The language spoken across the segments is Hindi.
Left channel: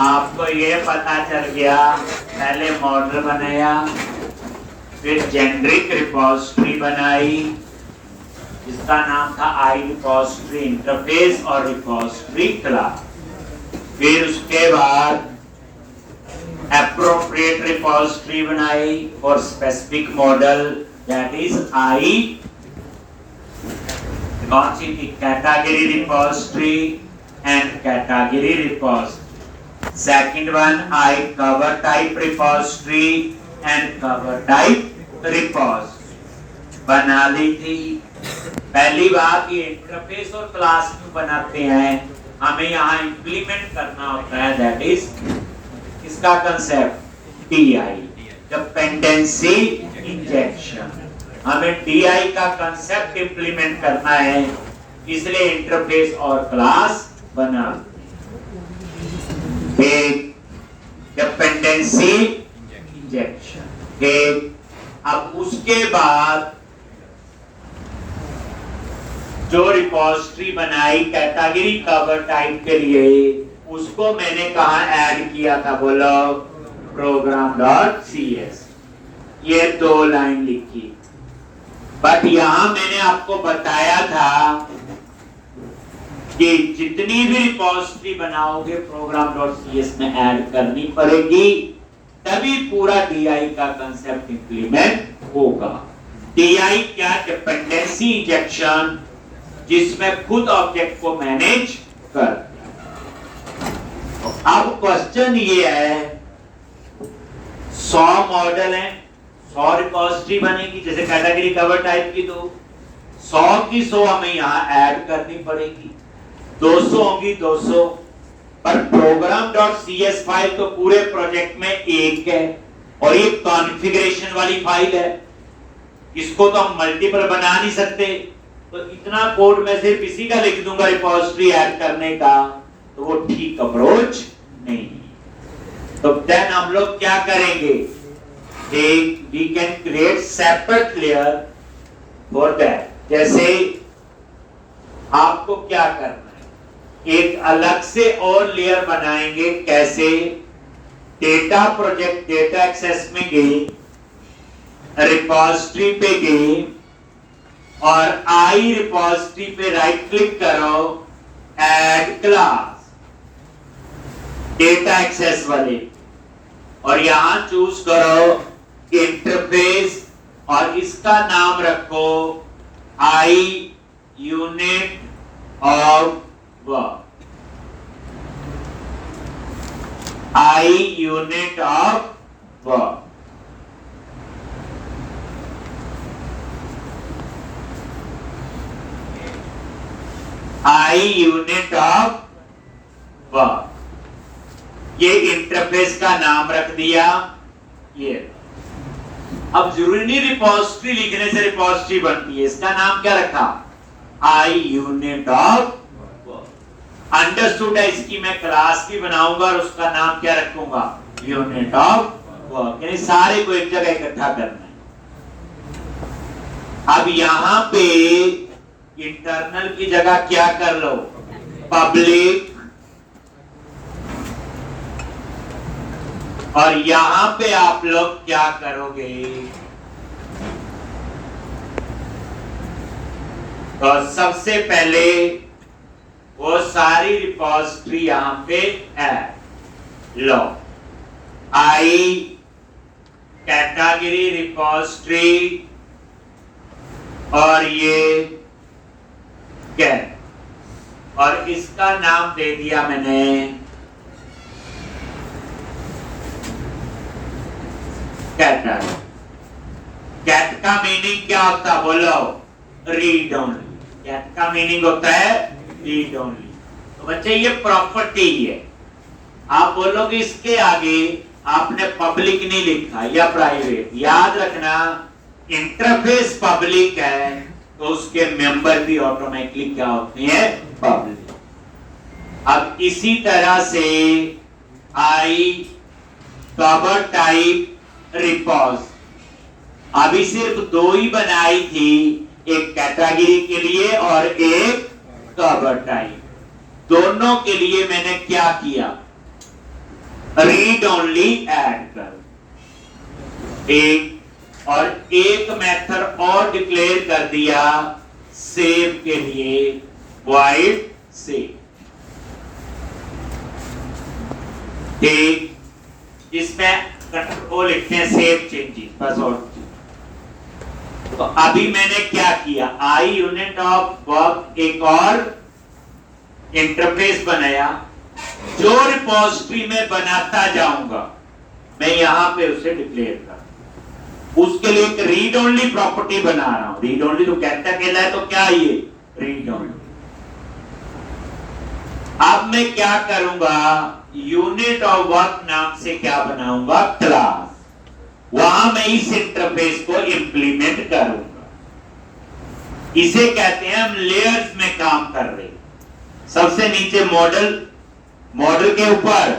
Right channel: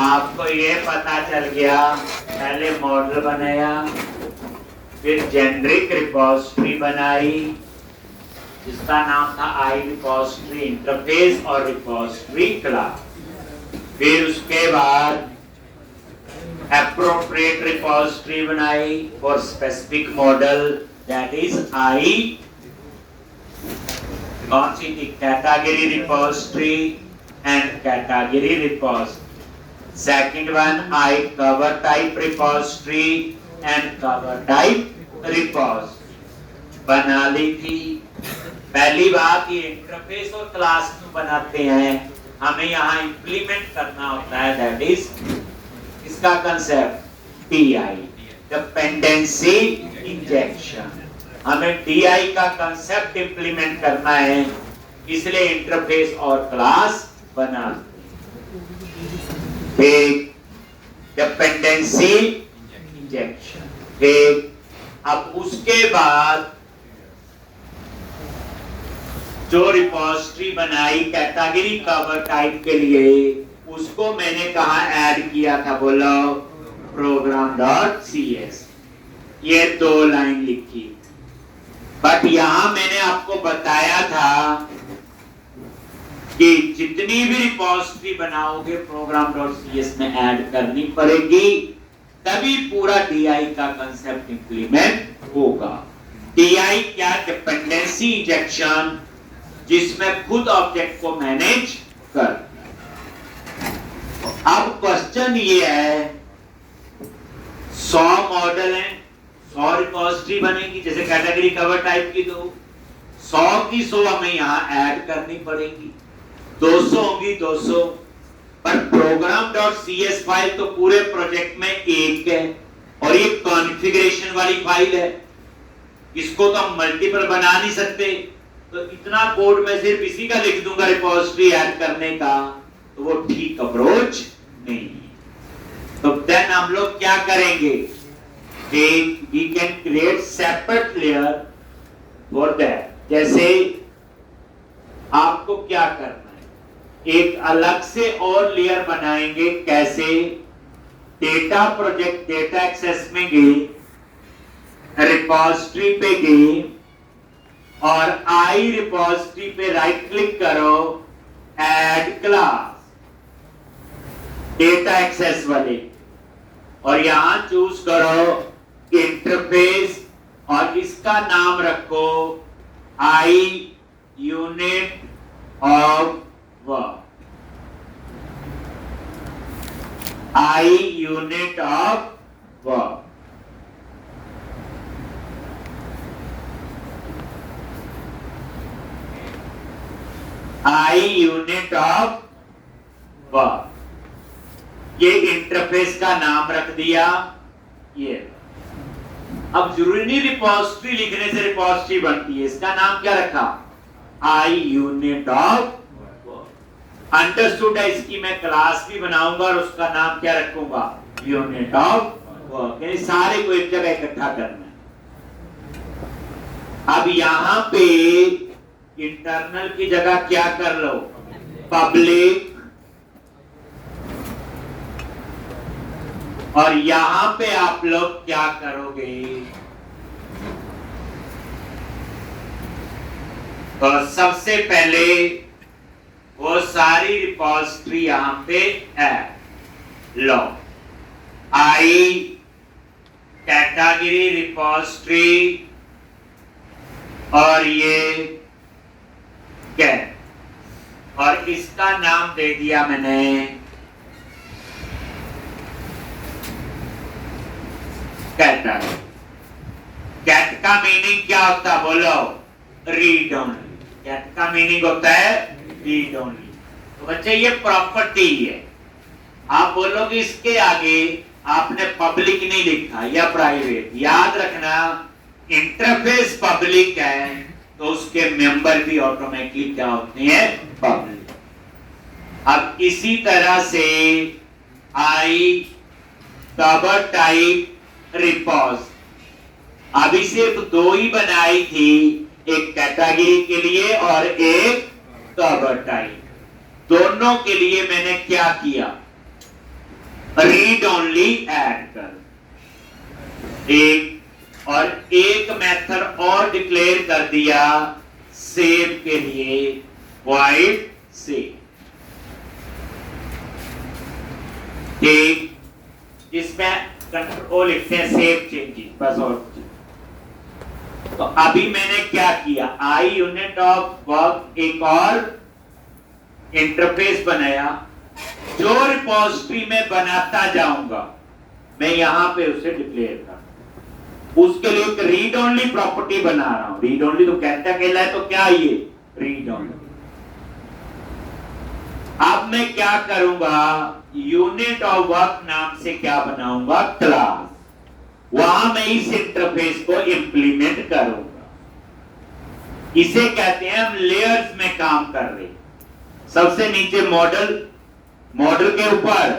आपको ये पता चल गया, पहले मॉडल बनाया, फिर जेनरिक रिपोजिटरी बनाई जिसका नाम था आई रिपोजिटरी इंटरफेस और रिपोजिटरी क्लास। फिर उसके बाद एप्रोप्रिएट रिपोजिटरी बनाई for specific model, that is I कौन सी थी, category repository and category repository. Second one I cover type repository and cover type repository बना ली थी। पहली बात, ये इंटरफेस और क्लास क्यों बनाते हैं, हमें यहाँ इंप्लीमेंट करना होता है, दैट इज इसका कंसेप्ट DI, डिपेंडेंसी इंजेक्शन। हमें DI का कंसेप्ट इंप्लीमेंट करना है, इसलिए इंटरफेस और क्लास बना। एक डिपेंडेंसी इंजेक्शन, एक। अब उसके बाद जो रिपोजिटरी बनाई कैटेगरी कवर टाइप के लिए, उसको मैंने कहा ऐड किया था, बोलो program.cs। ये 2 लाइन लिखी, बट यहां मैंने आपको बताया था कि जितनी भी रिपोजिटरी बनाओगे program.cs में ऐड करनी पड़ेगी, तभी पूरा DI का कंसेप्ट इंप्लीमेंट होगा। DI क्या, डिपेंडेंसी इंजेक्शन, जिसमें खुद ऑब्जेक्ट को मैनेज कर। अब क्वेश्चन ये है, 100 मॉडल है, 100 रिपोजिटरी बनेगी, जैसे कैटेगरी कवर टाइप की, तो 100 की 100 हमें यहाँ ऐड करनी पड़ेगी, 200 होगी 200। पर program.cs फाइल तो पूरे प्रोजेक्ट में एक है, और ये कॉन्फ़िगरेशन वाली फाइल है, इसको तो हम मल्टीपल बना नहीं सकते, तो इतना कोड मैं सिर्फ इसी का लिख दूंगा रिपोजिटरी ऐड करने का, तो वो ठीक अप्रोच नहीं है। तो देन हम लोग क्या करेंगे, we can create separate layer for that. जैसे आपको क्या करना है, एक अलग से और लेयर बनाएंगे। कैसे, डेटा प्रोजेक्ट डेटा एक्सेस में गए, रिपोजिटरी पे गए और आई रिपोजिटरी पे राइट क्लिक करो, ऐड क्लास डेटा एक्सेस वाले, और यहां चूज करो इंटरफेस, और इसका नाम रखो I unit of work, I unit of work. I unit of work, ये इंटरफेस का नाम रख दिया। ये अब जरूरी नहीं रिपोजिटरी लिखने से रिपोजिटरी बनती है, इसका नाम क्या रखा, I unit of work. Understood है, इसकी मैं क्लास भी बनाऊंगा और उसका नाम क्या रखूंगा, यूनिट ऑफ वर्क, यानी सारे को एक जगह इकट्ठा करना है। अब यहां पे इंटरनल की जगह क्या कर लो, पब्लिक, और यहां पे आप लोग क्या करोगे, तो सबसे पहले वो सारी रिपोजिटरी यहां पे है, लो आई कैटेगरी रिपोजिटरी, और ये क्या, और इसका नाम दे दिया मैंने कैटेगरी। कैट का मीनिंग क्या होता है, बोलो, रीड ओनली। कैट का मीनिंग होता है रीड ओनली। तो बच्चे ये प्रॉपर्टी है, आप बोलोगे इसके आगे आपने पब्लिक नहीं लिखा या प्राइवेट, याद रखना इंटरफेस पब्लिक है तो उसके मेंबर भी ऑटोमेटिकली क्या होते हैं, पब्लिक। अब इसी तरह से आई कवर टाइप रिपोज, अभी सिर्फ 2 ही बनाई थी, एक कैटेगरी के लिए और एक कवर टाइप। दोनों के लिए मैंने क्या किया, रीड ओनली ऐड कर एक, और एक मेथड और डिक्लेयर कर दिया सेव के लिए, वॉइड सेव। ठीक, इसमें कंट्रोल लिखते हैं सेव चेंजेस बस। और तो अभी मैंने क्या किया, आई यूनिट ऑफ वर्क एक और इंटरफेस बनाया, जो रिपोजिटरी में बनाता जाऊंगा मैं यहां पे उसे डिक्लेयर कर, उसके लिए एक रीड ओनली प्रॉपर्टी बना रहा हूं। रीड ओनली तो कहता कहला है, तो क्या ये रीड ओनली। अब मैं क्या करूंगा, यूनिट ऑफ वर्क नाम से क्या बनाऊंगा, क्लास, वहां मैं इस इंटरफेस को इंप्लीमेंट करूंगा। इसे कहते हैं हम लेयर्स में काम कर रहे हैं। सबसे नीचे मॉडल, मॉडल के ऊपर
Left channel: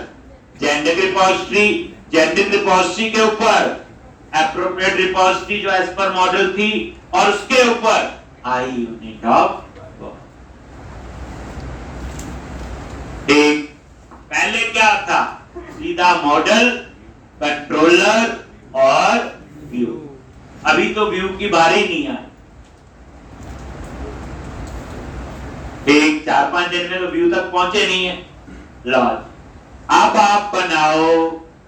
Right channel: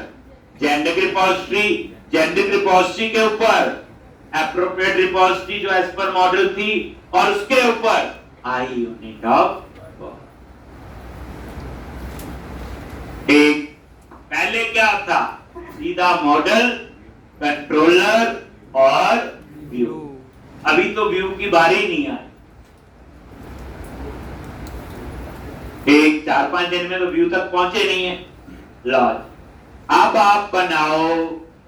जेनेरिक रिपोजिटरी, जेनेरिक रिपोजिटरी के ऊपर एप्रोप्रिएट रिपोजिटरी जो एज पर मॉडल थी, और उसके ऊपर आई यूनिट ऑफ वर्क। एक पहले क्या था, सीधा मॉडल, कंट्रोलर और व्यू। अभी तो व्यू की बारी नहीं आई, एक 4-5 दिन में तो व्यू तक पहुंचे नहीं है। लॉज अब आप बनाओ,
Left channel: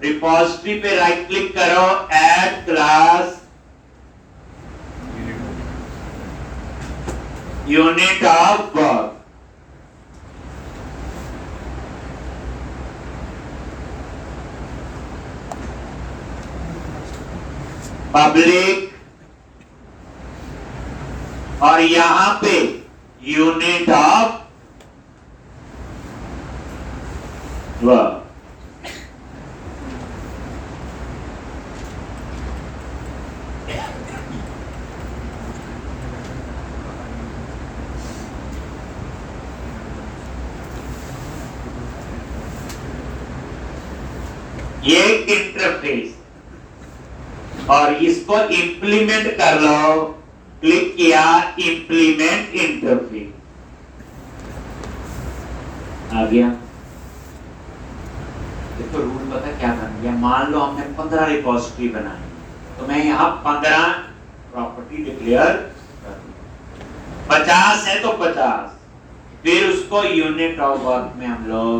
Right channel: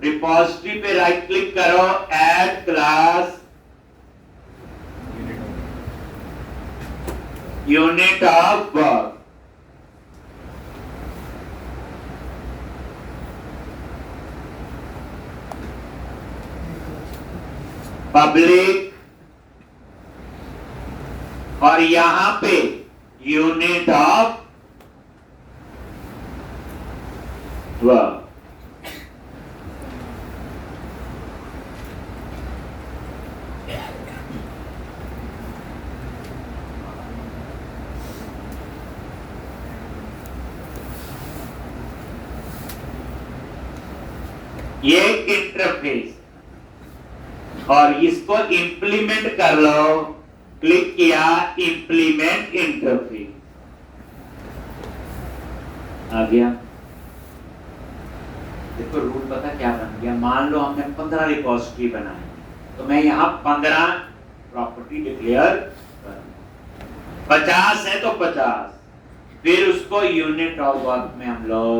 रिपोजिटरी पे राइट क्लिक करो, add class unit of work, public, और यहां पे यूनिट ऑफ वर्क। ये इंटरफेस, और इसको इंप्लीमेंट कर लो, क्लिक किया, इंप्लीमेंट इंटरफेस आ गया। देखो रूल पता क्या बन गया, मान लो हमने 15 रिपोजिटरी बनाई, तो मैं यहां 15 प्रॉपर्टी डिक्लेयर कर, 50 है तो 50, फिर उसको यूनिट ऑफ वर्क में हम लोग,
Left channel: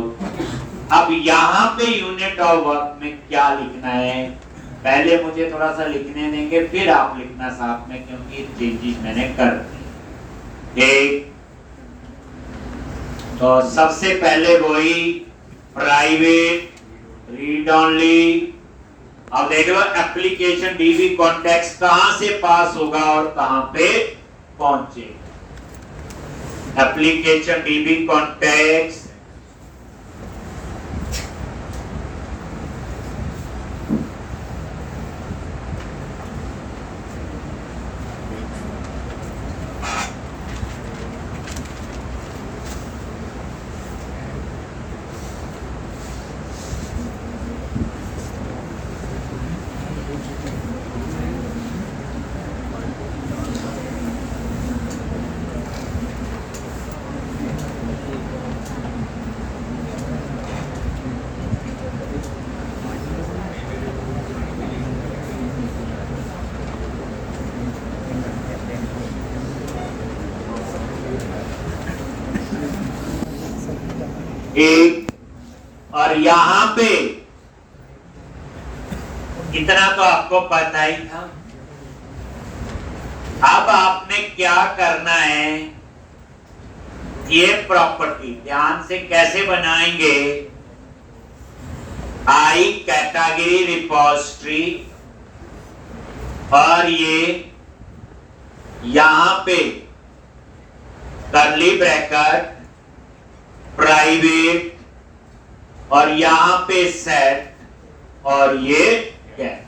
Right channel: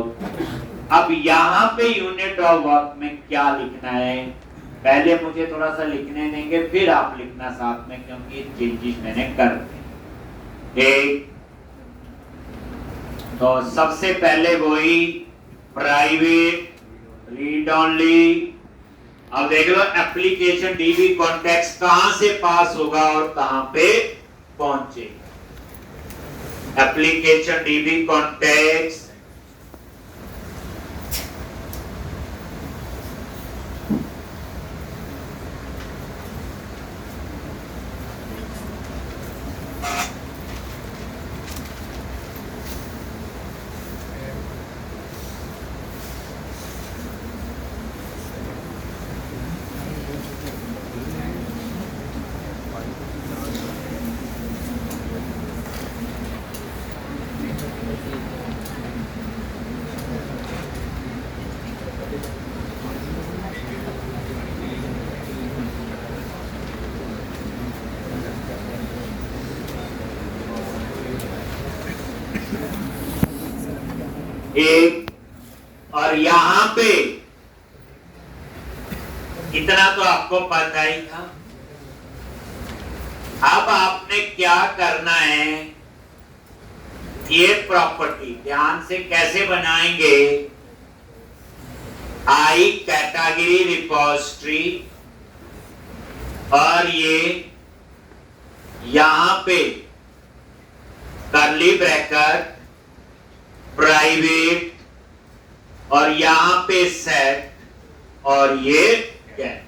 अब यहां पे यूनिट ऑफ वर्क में क्या लिखना है, पहले मुझे थोड़ा सा लिखने देंगे, फिर आप लिखना साथ में, क्योंकि चेंजेस मैंने कर दिए। एक तो सबसे पहले वही प्राइवेट रीड ओनली। अब देख लो एप्लीकेशन डीबी कॉन्टेक्स्ट कहां से पास होगा और कहां पे पहुंचेगा। एप्लीकेशन डीबी कॉन्टेक्स्ट एक, और यहां पे इतना तो आपको पता ही था। अब आपने क्या करना है, ये प्रॉपर्टी ध्यान से कैसे बनाएंगे, आई कैटेगरी रिपोजिटरी, और ये यहां पे कर्ली ब्रैकेट प्राइवेट, और यहां पे सेट, और ये गेट।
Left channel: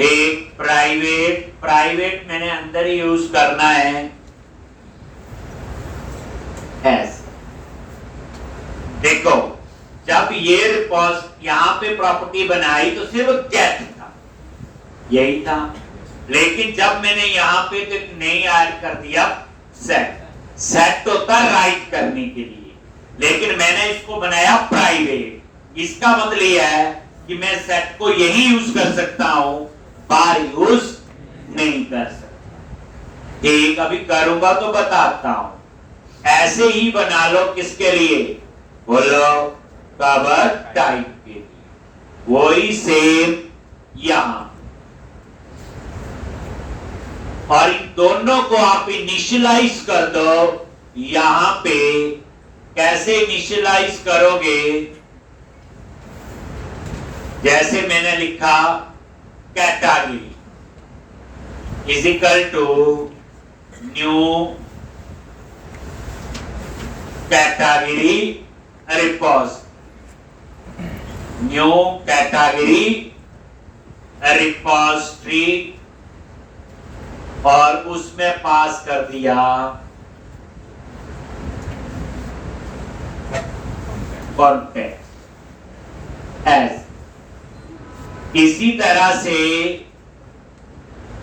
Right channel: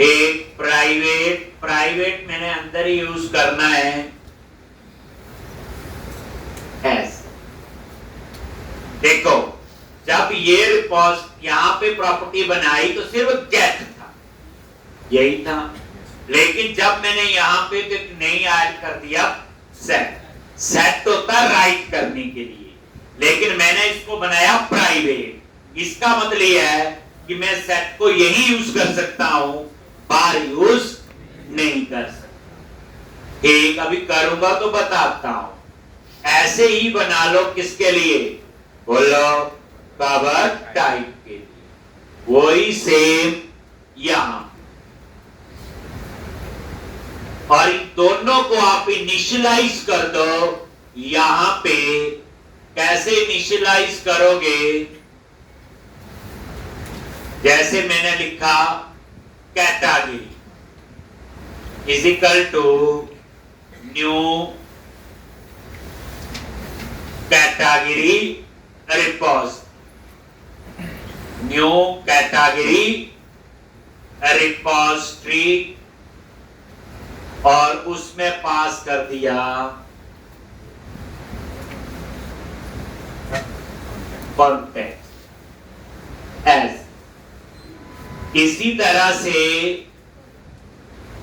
एक प्राइवेट, प्राइवेट मैंने अंदर ही यूज करना है एस। देखो जब ये रिपोज यहां पे प्रॉपर्टी बनाई तो सिर्फ गेट था, यही था, लेकिन जब मैंने यहां पे नहीं ऐड कर दिया सेट, सेट होता राइट करने के लिए, लेकिन मैंने इसको बनाया प्राइवेट। इसका मतलब यह है कि मैं सेट को यही यूज कर सकता हूं, बार यूज नहीं कर सकता। ठीक, अभी करूंगा तो बताता हूं। ऐसे ही बना लो, किसके लिए? बोलो, कवर टाइप के लिए। वही सेम यहां, और इन दोनों को आप इनिशियलाइज कर दो। यहां पे कैसे इनिशियलाइज करोगे? जैसे मैंने लिखा category is equal to new category repos, new category repository, और उसमें पास कर दिया कॉन्टेक्स्ट एज। इसी तरह से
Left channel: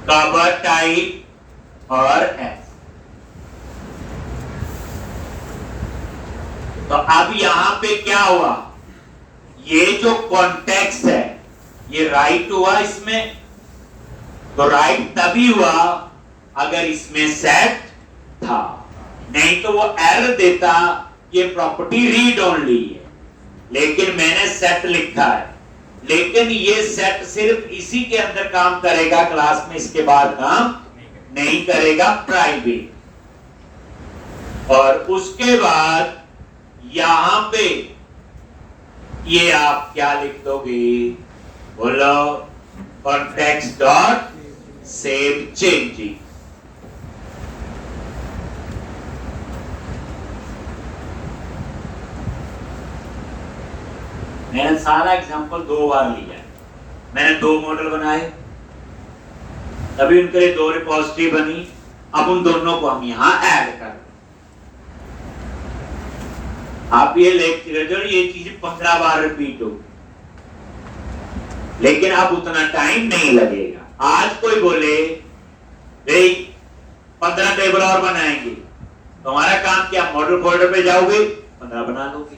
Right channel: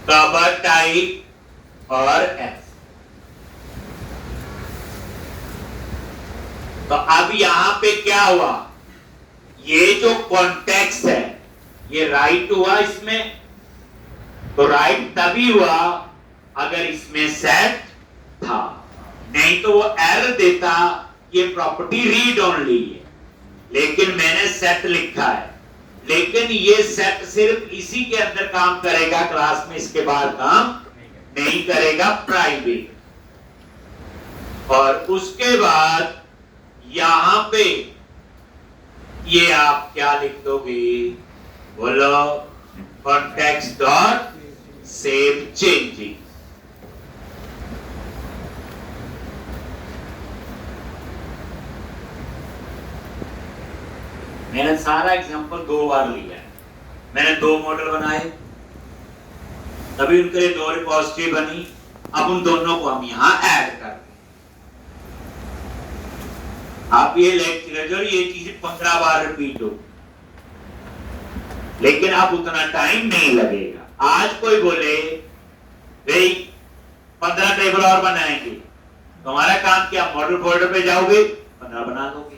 कवर टाइप और एज। तो अब यहां पे क्या हुआ? ये जो कॉन्टेक्स्ट है ये राइट हुआ इसमें, तो राइट तभी हुआ अगर इसमें सेट था, नहीं तो वो एरर देता ये प्रॉपर्टी रीड ओनली है। लेकिन मैंने सेट लिखा है, लेकिन ये सेट सिर्फ इसी के अंदर काम करेगा, क्लास में इसके बाद काम नहीं करेगा, प्राइवेट। और उसके बाद यहां पे ये आप क्या लिख दोगे? बोलो, कॉन्टेक्स्ट डॉट सेव चेंजिंग। मैंने सारा एग्जांपल 2 बार लिया। मैंने 2 मॉडल बनाए, तभी उनके लिए 2 रिपोजिटरी बनी। अब उन दोनों को हम यहां ऐड कर दें। आप ये लेक्चर, ये चीज 15 बार रिपीट हो, लेकिन अब उतना टाइम नहीं लगेगा। आज कोई बोले भाई 15 टेबल और बनाएंगे, तो हमारा काम क्या? मॉडल फोल्डर पे जाओगे, 15 बना दोगे,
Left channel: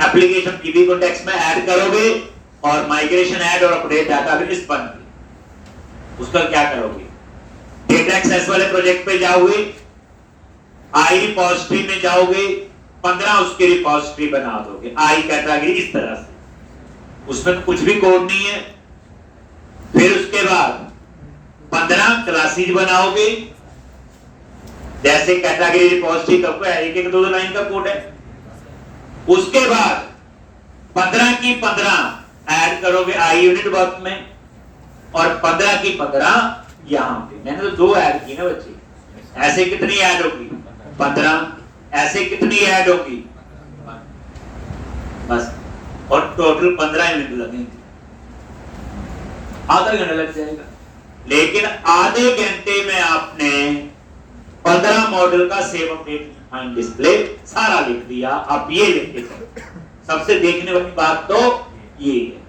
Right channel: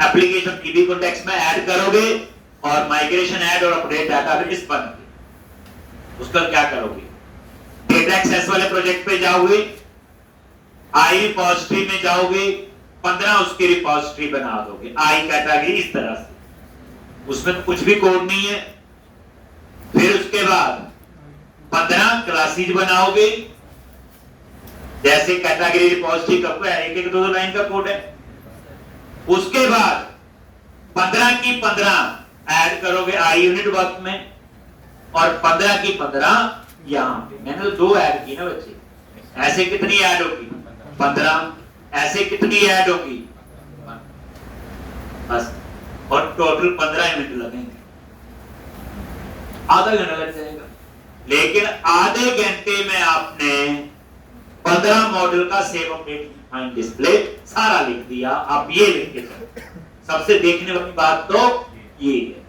एप्लीकेशन की भी कॉन्टेक्स्ट में ऐड करोगे, और माइग्रेशन ऐड और अपडेट डाटाबेस बन गए। उसका क्या करोगे? डेटा एक्सेस वाले प्रोजेक्ट पे जाओगे, आई रिपोजिटरी में जाओगे, 15 उसकी रिपोजिटरी बना दोगे, आई कैटेगरी इस तरह से, उसमें कुछ भी कोड नहीं है। फिर उसके बाद 15 क्लासेस बनाओगे, जैसे कैटेगरी रिपोजिटरी का एक एक 2 लाइन का कोड है। उसके बाद 15 की 15 ऐड करोगे आई यूनिट वर्क में, और 15 की 15 यहां पे। मैंने तो 2 ऐड की ना बच्चे, ऐसे कितनी ऐड होगी? 15। ऐसे कितनी ऐड होगी? बस, और टोटल 15 यूनिट लगेंगे, आधा घंटा लग जाएगा। लेकिन आधे घंटे में आपने 15 मॉडल का सेव अपडेट डिस्प्ले सारा लिख दिया। आप ये लिख के चलो, सबसे देखने वाली बात तो ये है।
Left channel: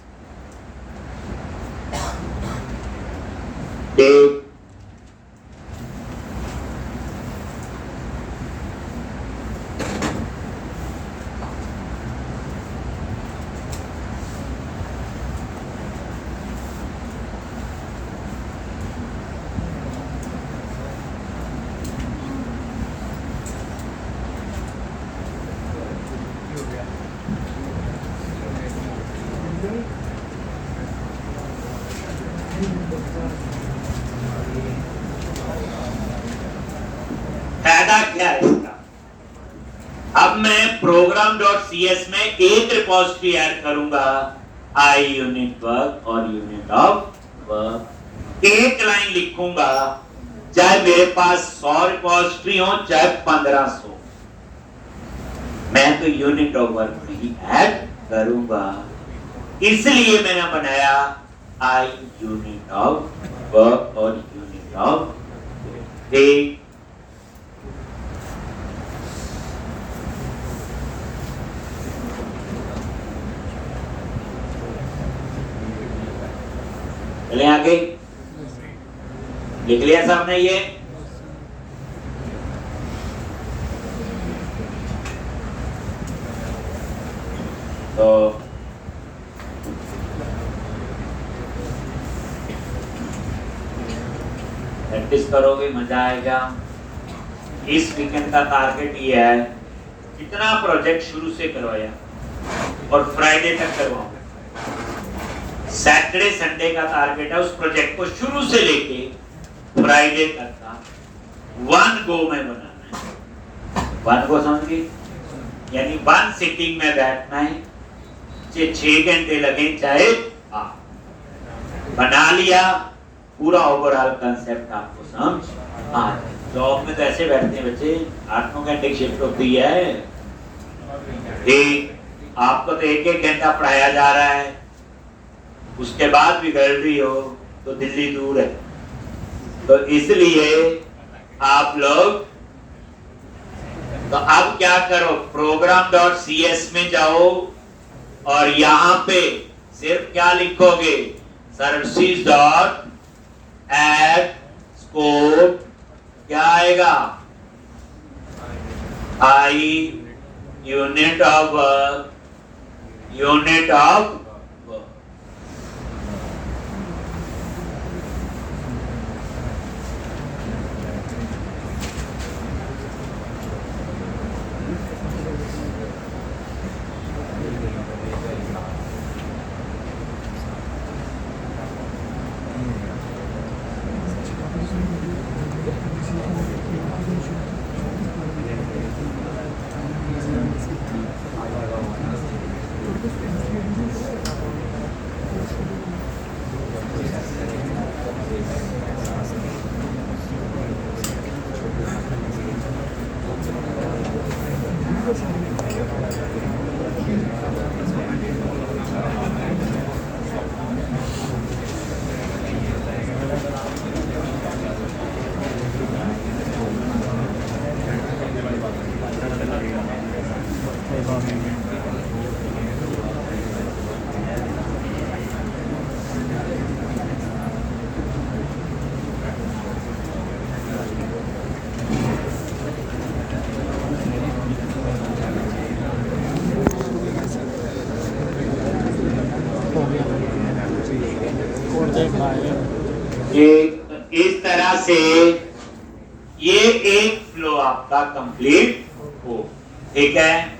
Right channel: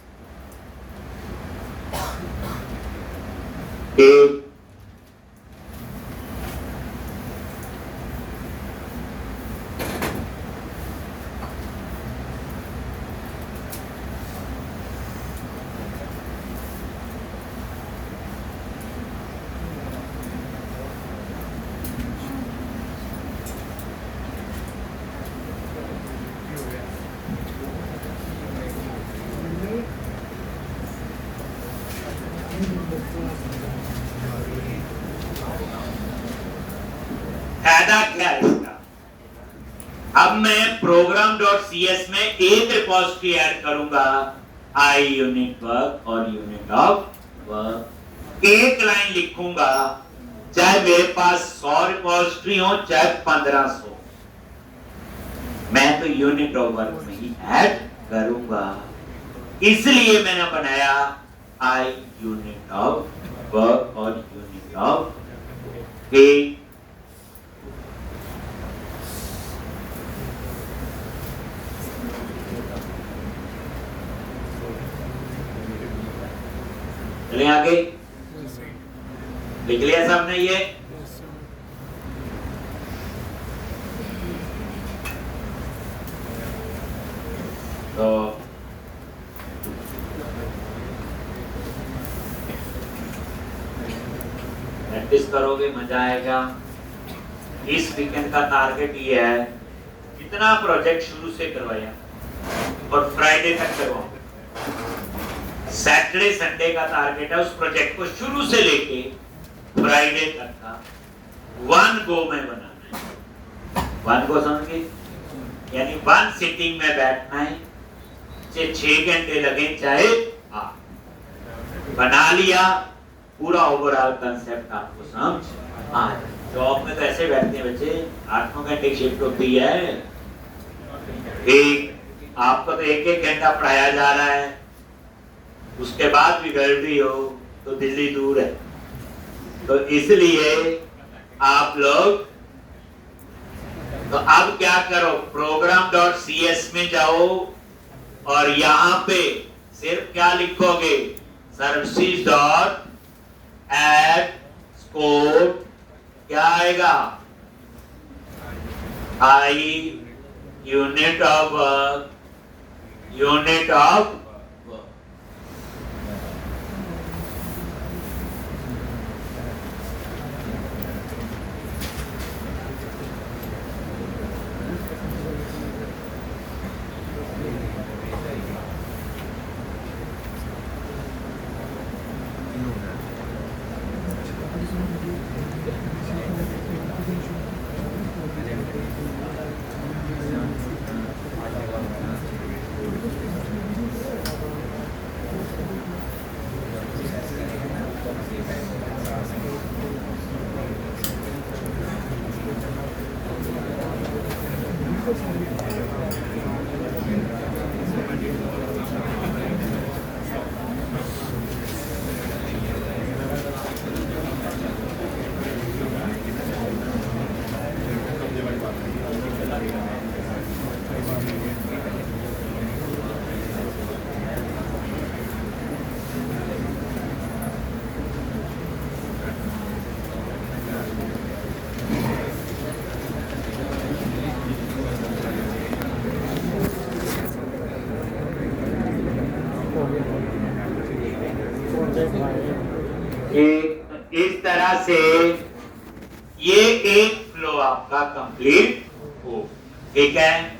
फायदा क्या है इसका? अब मैं program.cs में एक रिपोजिटरी ऐड करूंगा, आई यूनिट वर्क और यूनिट ऑफ वर्क। एक लाइन लिखूंगा, चाहे मेरे पास 100 रिपोजिटरी हो चाहे 1500, मैं तो यूनिट ऑफ वर्क में ही ऐड करूंगा। इसलिए मैंने बनाया आई यूनिट ऑफ वर्क और यूनिट ऑफ वर्क। चले आगे, लिख लिया सबने ये? प्रैक्टिस करोगे मजा आएगा। इस वीकेंड का टारगेट ये है, कितना प्रोजेक्ट शुरू से करवाया और फ्राइडे तक करवाओ। सैटरडे संडे का टारगेट है उस प्रोजेक्ट को शुरू से लेके फ्राइडे तक का 1 गो में बनाना है। 1 गो समझिए, यानी 1 सिटिंग में बैठना है, 6 घंटे लगे चाहे बना लिया, पूरा ओवरऑल कंसेप्ट आपको समझ आ जाए। जॉब में तो ऐसे बैठते हैं बच्चे, 8-9 घंटे की शिफ्ट होती है, एक आपको तो 1-1 घंटा पढ़ाया जा रहा है, उसके बाद भी गैलरी हो तो दिल्ली दूर है, तो इसलिए आप लोग तो अब क्या करो, program.cs में जाओ और यहां पे सिर्फ क्या लिखोगे, services डॉट एड स्पोर्ट, क्या आएगा, I unit of work, unit of इस तरह से ये एक फ्लो आपका कंप्लीट हो। ठीक है,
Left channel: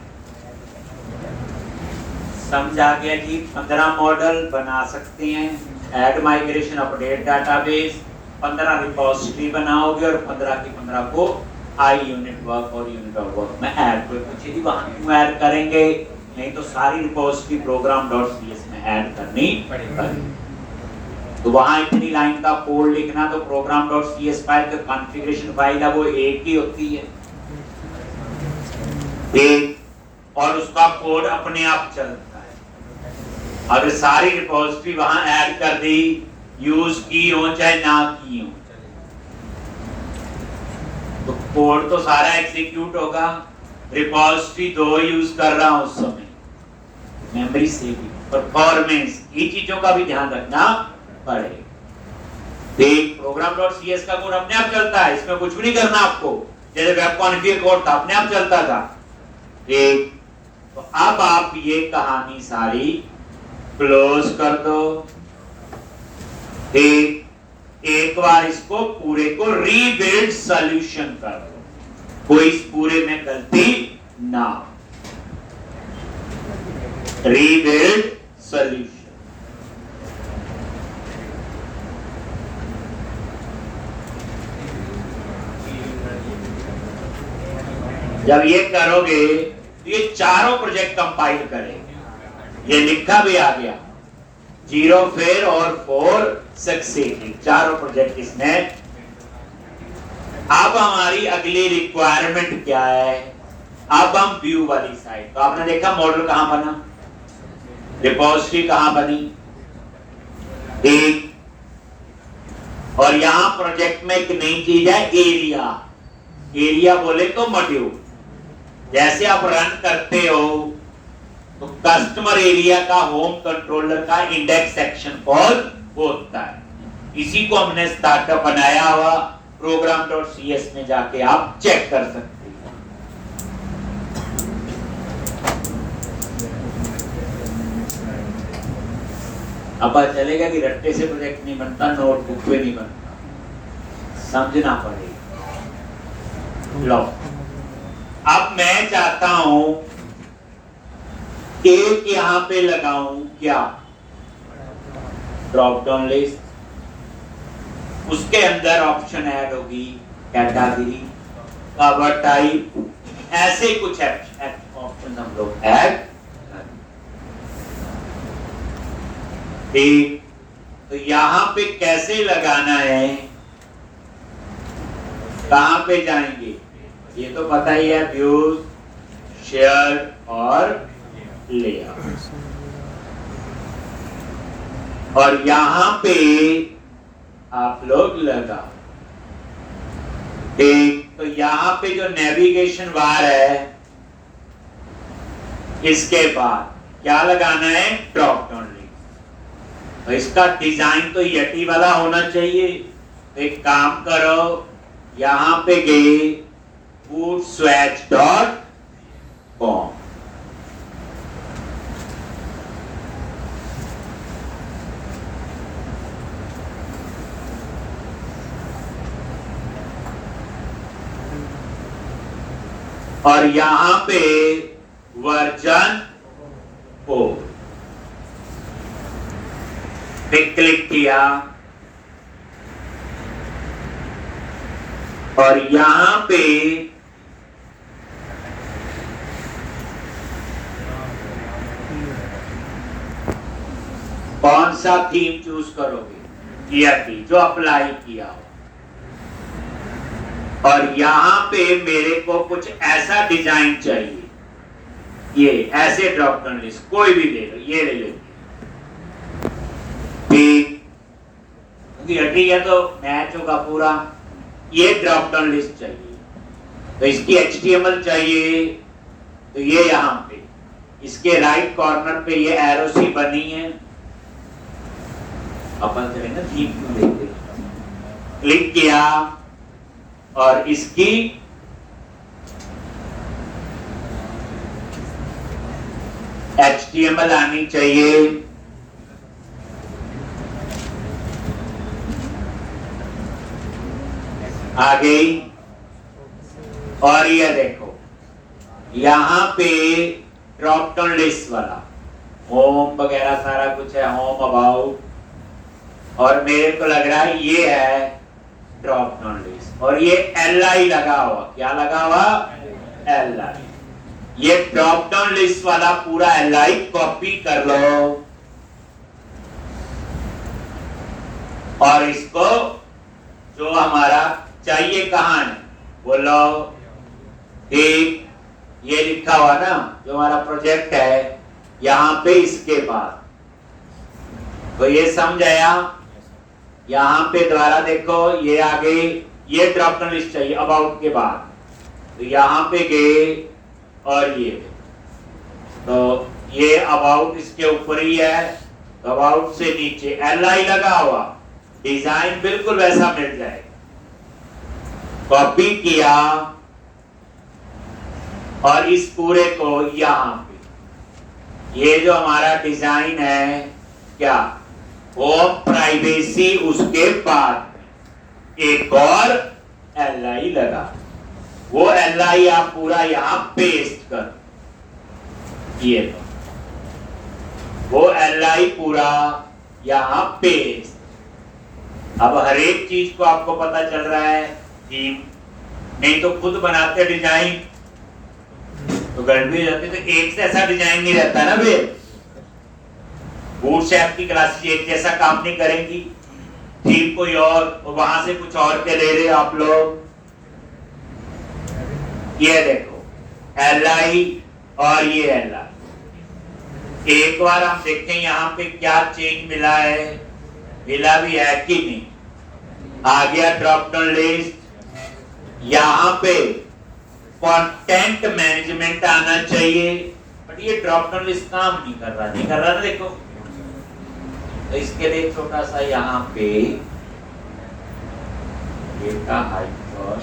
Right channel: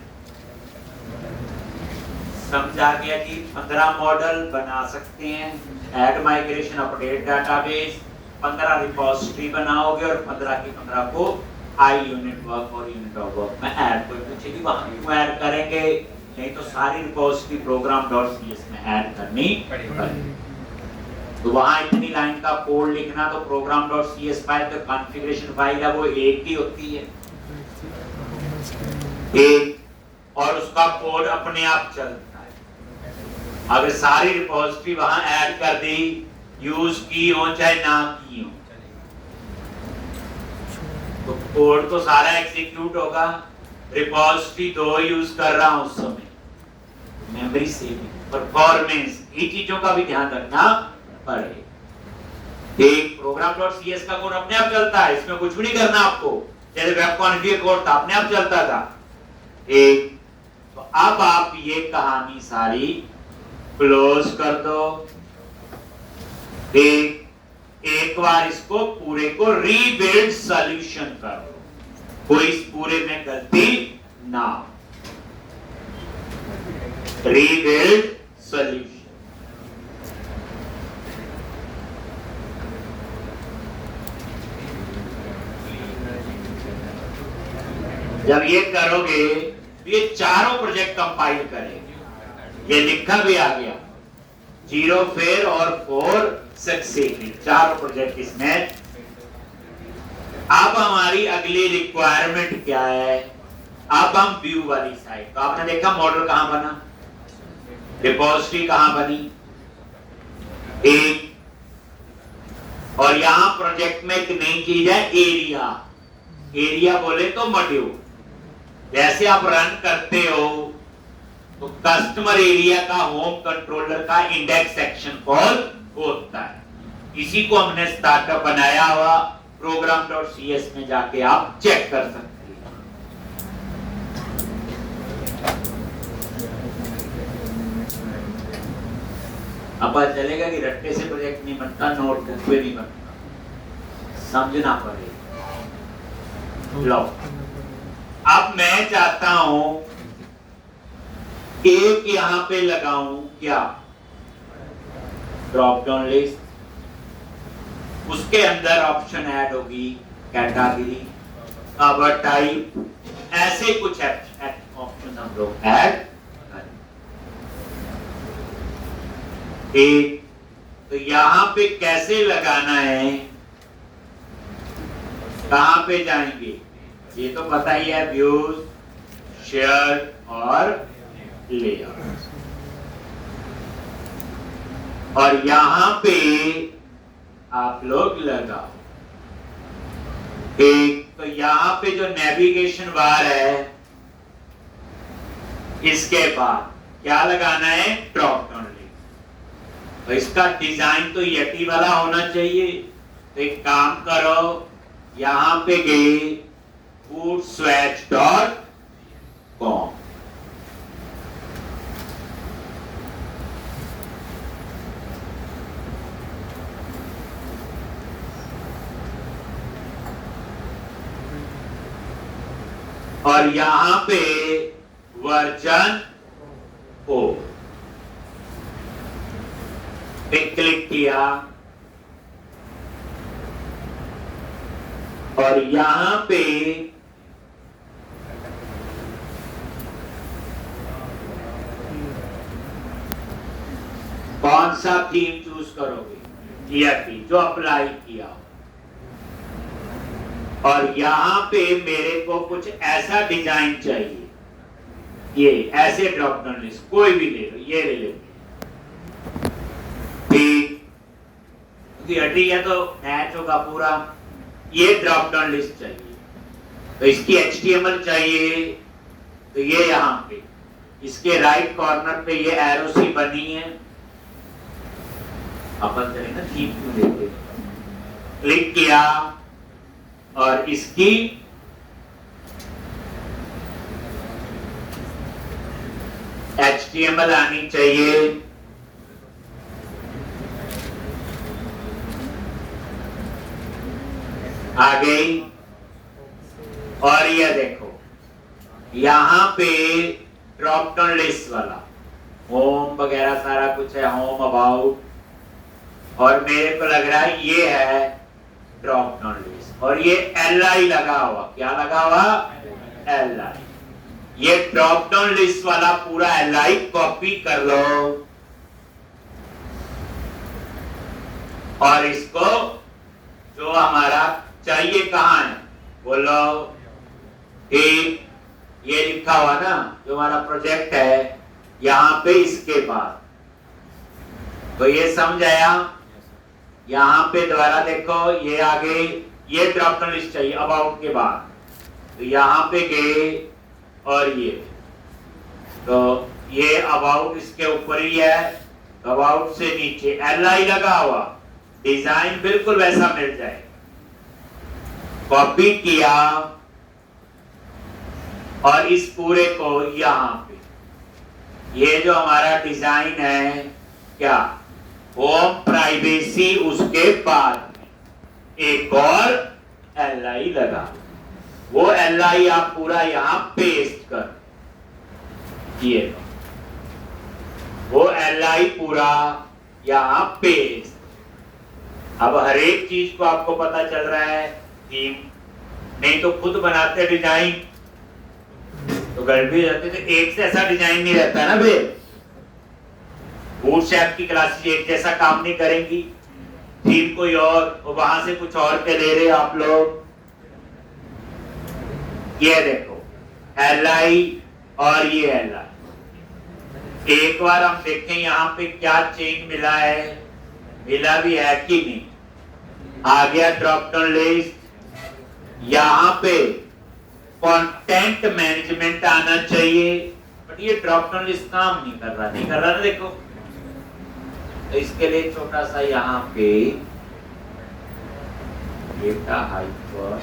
समझ आ गया जी। 15 मॉडल बना सकते हैं, add migration, update database, 15 repository बनाओगे और 15 की 15 को आई यूनिट वर्क और यूनिट ऑफ वर्क में ऐड कोई पूछेगी वहां क्यों ऐड करेंगे, नहीं तो सारी रिपोजिटरी program.cs में ऐड करनी पड़ेगी। तो वहां इतनी लाइन का कोड लिखना, तो program.cs फाइल का कॉन्फ़िगरेशन फाइल है वो एक ही होती है, एक, और उसका कोड अपने आप चलता है। अगर सारी रिपोजिटरी वहां ऐड कर दी, यूज की हो चाहे ना की हो, तो कोड तो सारा एग्जीक्यूट होगा। रिपोजिटरी 2 यूज कर रहा हूं उस समय, मेमोरी सेविंग, परफॉर्मेंस, ये चीजों का भी ध्यान रखना पड़ेगा। देख, program.cs का कोड अपने आप चलता है, इसमें कुछ भी नहीं करना आपको, जैसे वेब कॉन्फ़िगर कोड था अपने आप चलता था। एक, तो अब आप ये कहानी सारी क्लोज कर दो। एक बार इसको पूरे को रीबिल्ड सॉल्यूशन कर दो, कोई इस पूरे में गलती ना हो। रीबिल्ड सॉल्यूशन जब ये करोगे तो ये चारों प्रोजेक्ट कंपाइल करेंगे। ये लिखा भी आ गया, 0 फेल और 4 सक्सेसफुल, चारों प्रोजेक्ट इसने। अब हमारी अगली रिक्वायरमेंट क्या है, अब हम व्यू वाली साइड। तो आपने देखा मॉडल कहां बना, रिपोजिटरी कहां बनी, एक, और यहां प्रोजेक्ट में एक नई चीज है एरिया। एरिया बोले तो मॉड्यूल, जैसे आप रन करते हो तो कस्टमर एरिया का होम कंट्रोलर का इंडेक्स सेक्शन कॉल होता है, इसी को हमने स्टार्टअप बनाया हुआ। program.cs में जाके आप चेक कर सकते हैं। अब पता चलेगा कि रट्टे से प्रोजेक्ट नहीं बनता, नोट करके नहीं बनता, समझना पड़ेगा। लो, अब मैं चाहता हूं एक यहां पे लगाऊं, क्या ड्रॉप डाउन लिस्ट, उसके अंदर ऑप्शन ऐड होगी कैटेगरी, कवर टाइप, ऐसे कुछ ऑप्शन हम लोग ऐड। ठीक, तो यहां पे कैसे लगाना है, कहां पे जाएंगे, ये तो पता ही है, व्यूज, शेयर और लेआउट। और यहां पे आप लोग लगा, ठीक, तो यहां पे जो नेविगेशन बार है, इसके बाद क्या लगाना है, ड्रॉप डाउन लिस्ट। तो इसका डिजाइन तो यटी वाला होना चाहिए। तो एक काम करो, यहां पे गए foodswatch.com, और यहां पे वर्जन 4 पे क्लिक किया, और यहां पे कौन सा थीम चूज करोगे, ईआरटी जो अप्लाई किया हो। और यहां पे मेरे को कुछ ऐसा डिजाइन चाहिए, ये ऐसे ड्रॉप डाउन लिस्ट कोई भी ले लो, ये ले लो, ठीक, ईआरटी है तो मैच होगा पूरा। ये ड्रॉप डाउन लिस्ट चाहिए, तो इसकी HTML चाहिए, तो ये यहां पे इसके राइट कॉर्नर पे ये एरो सी बनी है, अपन करेंगे थीम को देखते, क्लिक किया, और इसकी HTML आनी चाहिए। आ गई, और ये देखो यहां पे ड्रॉप डाउन लिस्ट वाला होम वगैरह सारा कुछ है, होम अबाउट, और मेरे को लग रहा है ये है ड्रॉप डाउन लिस्ट, और ये LI लगा हुआ, क्या लगा हुआ, LI। ये ड्रॉप डाउन लिस्ट वाला पूरा LI कॉपी कर लो, और इसको जो हमारा चाहिए कहां है बोलो, एक ये लिखा हुआ ना जो हमारा प्रोजेक्ट है, यहां पे इसके बाद, तो ये समझ आया। यहां पे दोबारा देखो, ये आ गई, ये ड्रॉप डाउन लिस्ट चाहिए अबाउट के बाद, तो यहां पे गए, और ये तो ये अबाउट इसके ऊपर ही है, तो अबाउट से नीचे LI लगा हुआ, डिजाइन बिल्कुल वैसा मिल जाए, कॉपी किया, और इस पूरे को यहां पे, ये जो हमारा डिजाइन है, क्या होम प्राइवेसी, उसके बाद एक और LI लगा, वो LI आप पूरा यहां पेस्ट कर, ये वो LI पूरा यहां पेस्ट। अब हर एक चीज को आपको पता चल रहा है, थीम नहीं तो खुद बनाते डिजाइन तो गड़बड़ी रहती, तो एक से ऐसा डिजाइन नहीं रहता ना बे, बूटस्ट्रैप की क्लासेस एक जैसा काम नहीं करेंगी, थीम कोई और वहां से कुछ और के ले रहे आप लोग। ये देखो LI और ये LI, एक बार हम देखें यहाँ पे क्या चेंज मिला है, मिला भी है कि नहीं। आ गया ड्रॉप डाउन लिस्ट, यहाँ पे कंटेंट मैनेजमेंट आना चाहिए, बट ये ड्रॉप डाउन लिस्ट काम नहीं कर रहा, नहीं कर रहा ना, देखो। तो इसके लिए छोटा सा यहाँ पे डेटा हाइपर,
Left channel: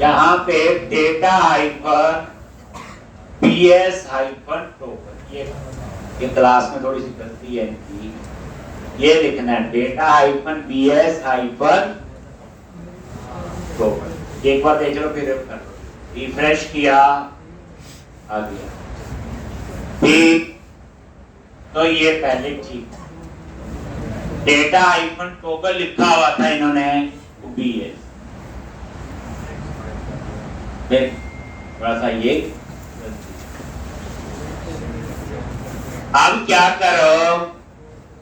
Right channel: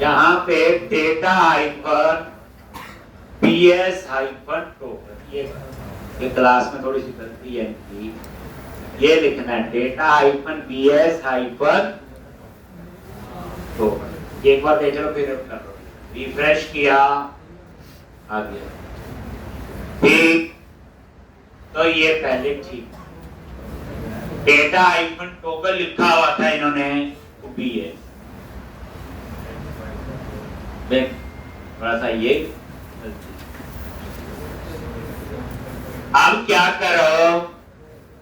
यहाँ पे data hyphen BS hyphen token, ये क्लास में थोड़ी सी गलती है इनकी, ये लिखना है data hyphen BS hyphen token. एक बार देख लो, फिर रिफ्रेश किया, आ गया ठीक। तो ये पहले ठीक, डेटा हाइफन टोकन लिखा हुआ था इन्होंने बीएस, थोड़ा सा ये। अब क्या करो,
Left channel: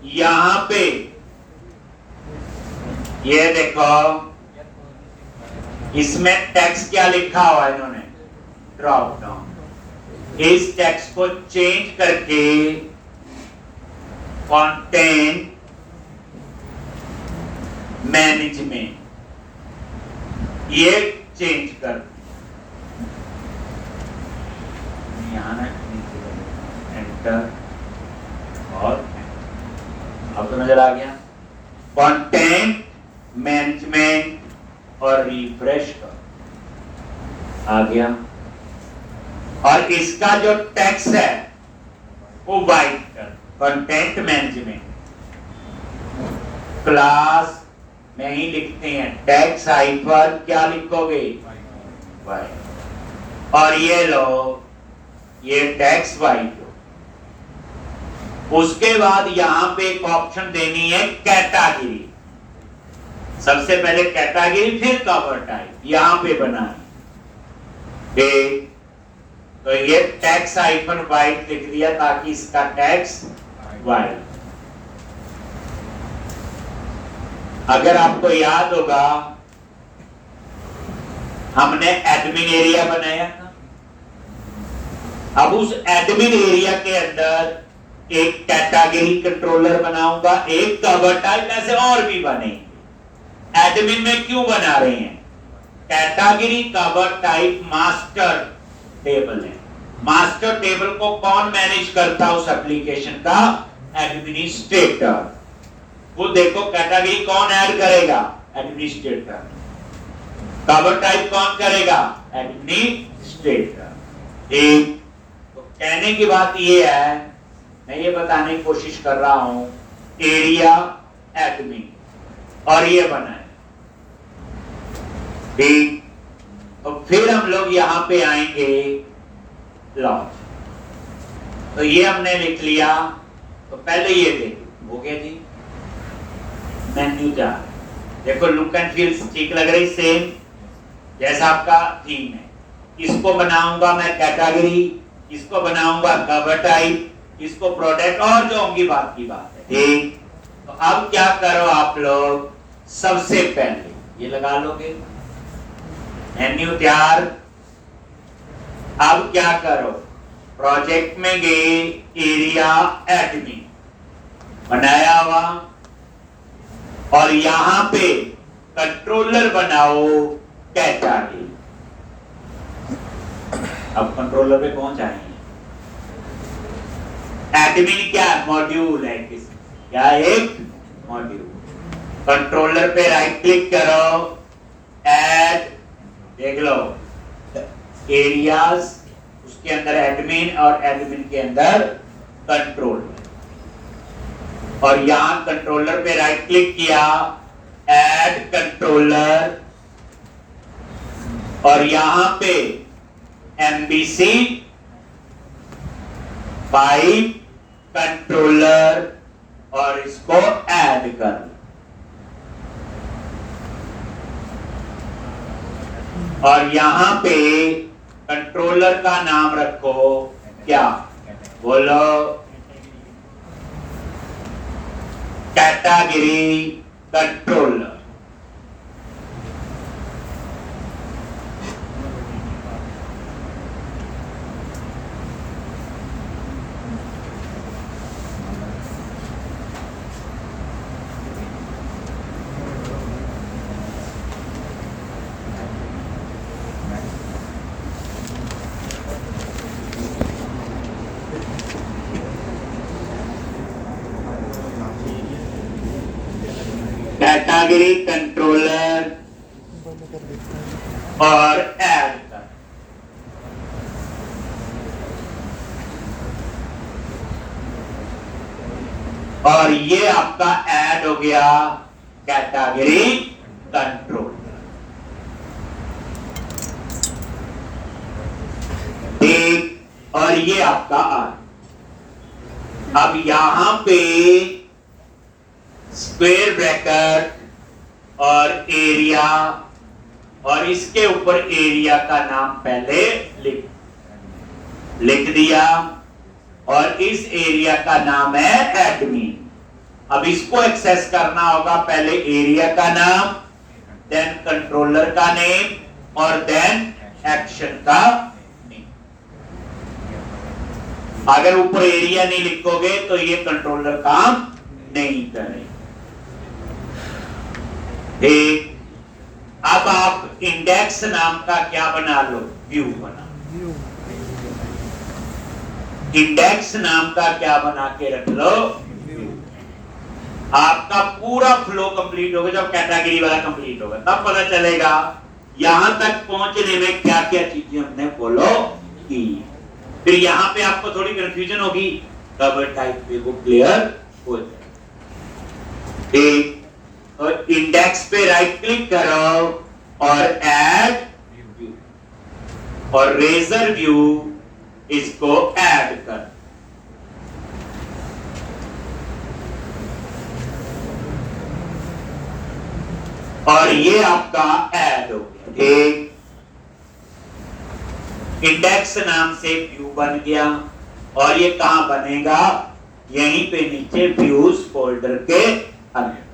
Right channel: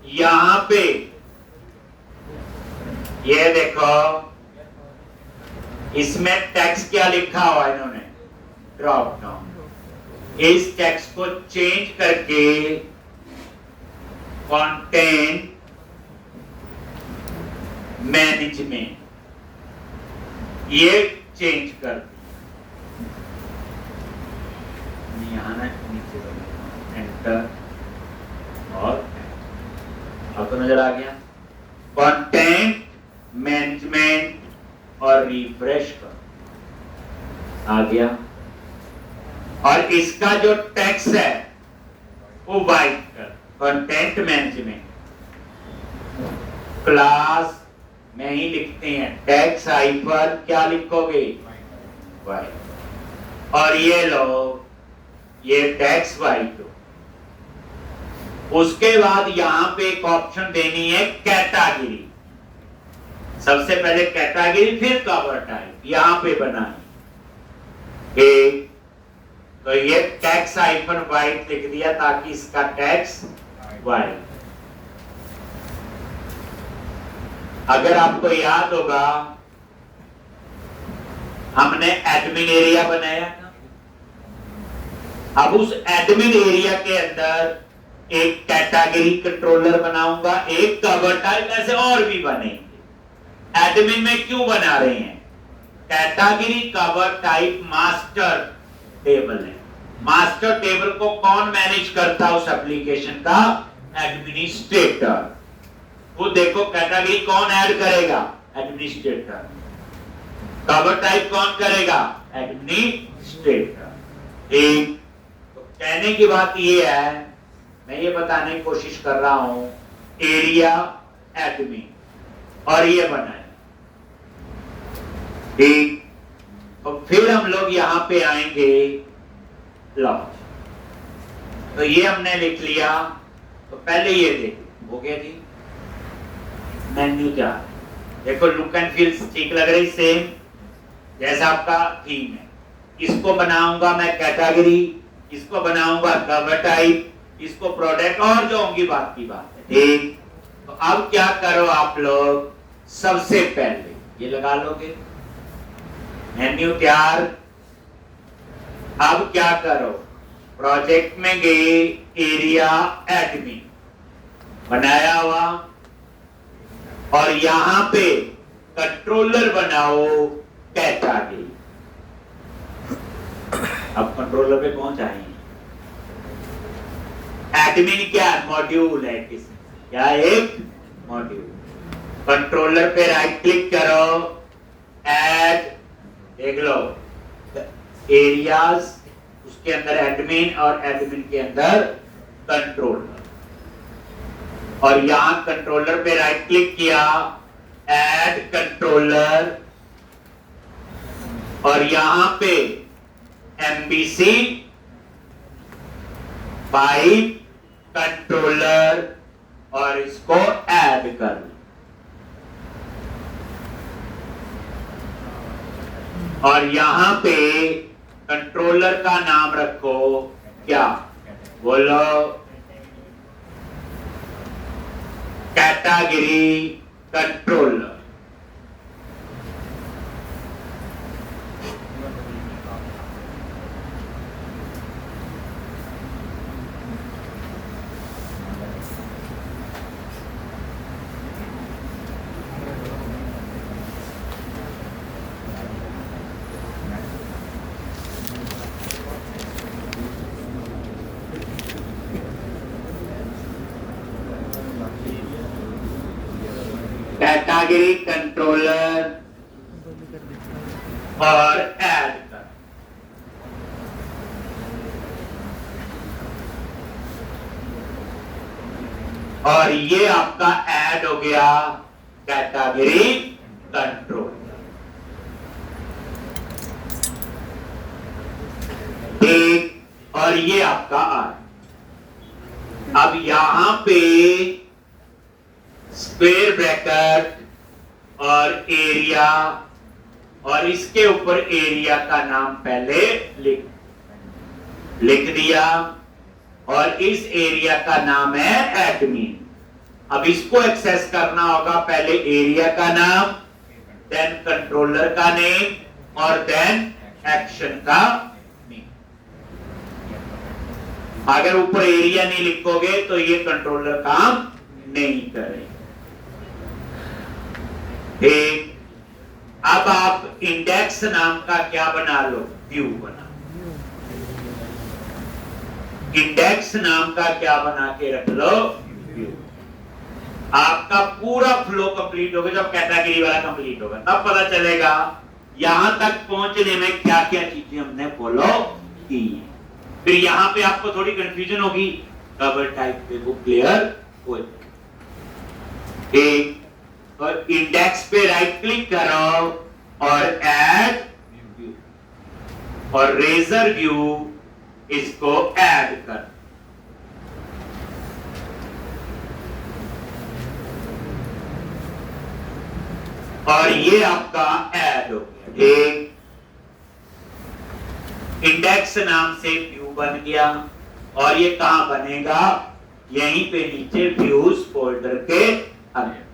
यहां पे ये देखो, इसमें टेक्स्ट क्या लिखा हुआ है इन्होंने, ड्रॉप डाउन। इस टेक्स्ट को चेंज करके कंटेंट मैनेजमेंट ये चेंज कर, एंटर, और अब तो नजर आ गया कंटेंट मैनेजमेंट और रिफ्रेश कर, आ गया। और इसका जो टेक्स्ट है वो वाइट कर, कंटेंट मैनेजमेंट क्लास में ही लिखते हैं, टेक्स्ट हाइफन क्या लिखोगे, वाइट। और ये लो, ये टेक्स्ट वाइट। उसके बाद यहां पे एक ऑप्शन देनी है कैटेगरी, सबसे पहले कैटेगरी फिर कवर टाइप, यहां पे बनाए ठीक। तो ये टेक्स्ट हाइफन वाइट लिख दिया ताकि इसका टेक्स्ट वाइट। अगर आपको याद होगा, हमने एडमिन एरिया बनाया था, अब उस एडमिन एरिया के अंदर एक कैटेगरी कंट्रोलर बनाऊंगा, एक कवर टाइप, ऐसे और भी बनेंगे। एडमिन में क्यों बना रहे हैं, category cover type master table है। मास्टर टेबल को कौन मैनेज करता है उस एप्लीकेशन का, एडमिनिस्ट्रेटर। वो देखो कैटेगरी कौन ऐड करेगा, एडमिनिस्ट्रेटर। कवर टाइप कौन करेगा, एडमिनिस्ट्रेटर। एक तो कहने की बात ये है, मैं ये बताने की कोशिश कर रहा हूं, एरिया एडमिन, और ये बना है ठीक। तो फिर हम लोग यहां पे आएंगे लॉन्च, तो ये हमने लिख लिया। तो पहले ये देखो हो गया जी, मेन्यू क्या देखो, लुक एंड फील ठीक लग रही, सेम जैसा आपका थीम है। इसको बनाऊंगा मैं कैटेगरी, इसको बनाऊंगा कवर टाइप, इसको प्रोडक्ट, और जो होंगी बात की बात है ठीक। तो अब क्या करो आप लोग, सबसे पहले ये लगा लोगे मेन्यू तैयार। अब क्या करो, प्रोजेक्ट में गए, एरिया एडमिन बनाया हुआ, और यहां पे कंट्रोलर बनाओ कैटेगरी। अब कंट्रोलर पे कौन जाएंगे, एडमिन क्या मॉड्यूल है, क्या एक मॉड्यूल। कंट्रोलर पे राइट क्लिक करो, ऐड, देख लो एरियाज, उसके अंदर एडमिन, और एडमिन के अंदर कंट्रोलर। और यहां कंट्रोलर पे राइट क्लिक किया, ऐड कंट्रोलर, और यहां पे एमबीसी पाइप कंट्रोलर, और इसको ऐड कर। और यहां पे कंट्रोलर का नाम रखो क्या, बोलो कैटेगरी कंट्रोलर। कैटेगरी कंट्रोलर और ऐड कर, और ये आपका ऐड हो गया कैटेगरी कंट्रोल। ठीक, और ये आपका आर। अब यहां पे स्क्वायर ब्रैकेट और एरिया, और इसके ऊपर एरिया का नाम पहले लिख दिया, और इस एरिया का नाम है एडमिन। अब इसको एक्सेस करना होगा, पहले एरिया का नाम, देन कंट्रोलर का नेम, और देन एक्शन का नेम। अगर ऊपर एरिया नहीं लिखोगे तो ये कंट्रोलर काम नहीं करेगा। ठीक, अब आप इंडेक्स नाम का क्या बना लो, व्यू बना। इंडेक्स नाम का क्या बना के रख लो, व्यू। आपका पूरा फ्लो कंप्लीट होगा। जब कैटेगरी वाला कंप्लीट होगा तब पता चलेगा यहां तक पहुंचने में क्या क्या चीजें हमने फॉलो की। फिर यहां पे आपको थोड़ी कंफ्यूजन होगी, तब टाइप पे वो क्लियर हो जाए। ठीक, और इंडेक्स पे राइट क्लिक करो और ऐड व्यू, और रेजर व्यू इसको ऐड कर। और ये आपका ऐड हो गया। ठीक, इंडेक्स नाम से व्यू बन गया, और ये कहां बनेगा, यहीं पे नीचे व्यूज फोल्डर के अंदर।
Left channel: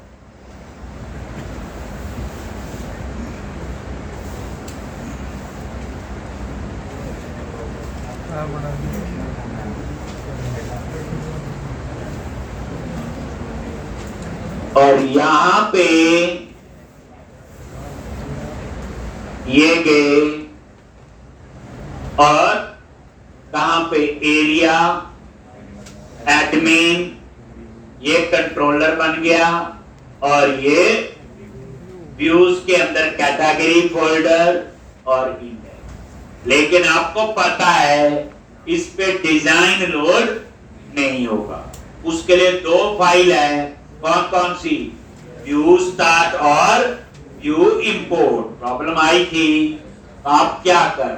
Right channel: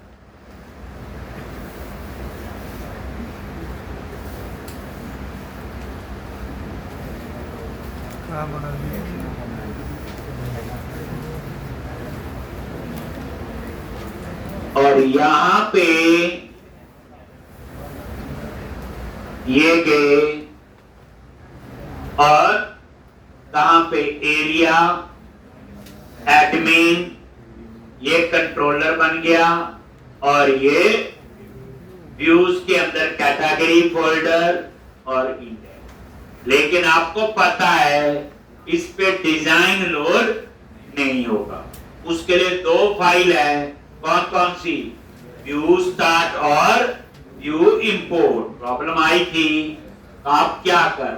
और यहां पे ये गए, और कहां पे एरिया, एडमिन, ये कंट्रोलर बन गया, और ये व्यूज के अंदर कैटेगरी फोल्डर और इंडेक्स। लेकिन आपको पता है इस पे डिजाइन लोड नहीं होगा। उसके लिए दो फाइल है, कौन कौन सी, व्यू स्टार्ट और व्यू इंपोर्ट। प्रॉब्लम आई थी, आप क्या कर,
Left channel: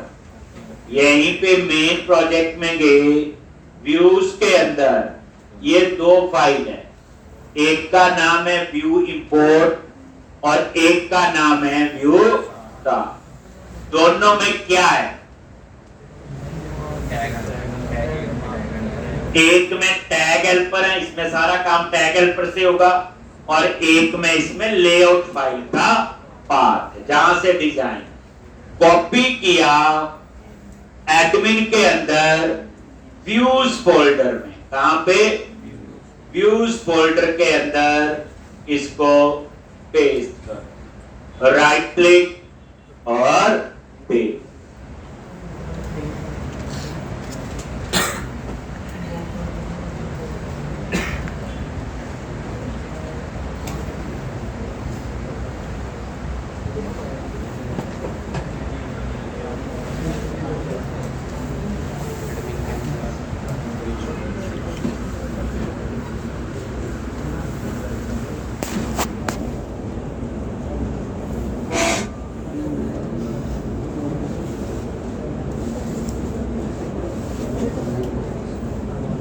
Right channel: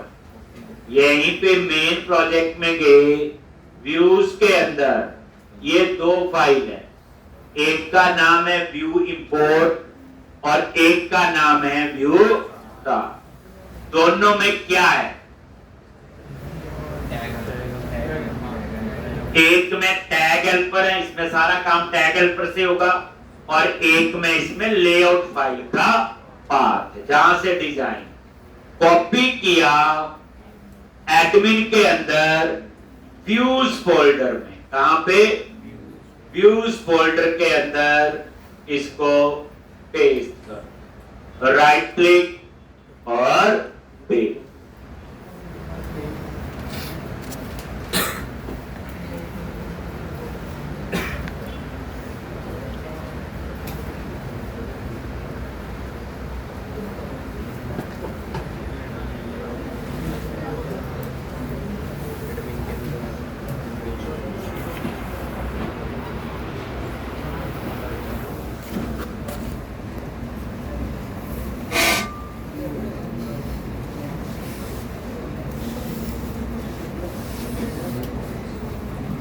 यहीं पे मेन प्रोजेक्ट में गए, व्यूज के अंदर ये दो फाइल है, एक का नाम है व्यू इंपोर्ट और एक का नाम है व्यू स्टार्ट। दोनों में क्या है, एक में टैग हेल्पर है, इसमें सारा काम टैग हेल्पर से होगा, और एक में इसमें लेआउट फाइल का पार्ट है, जहां से डिजाइन कॉपी किया एडमिन के अंदर व्यूज फोल्डर में। कहां पे, व्यूज फोल्डर के अंदर इसको पेस्ट कर, राइट क्लिक और पेस्ट।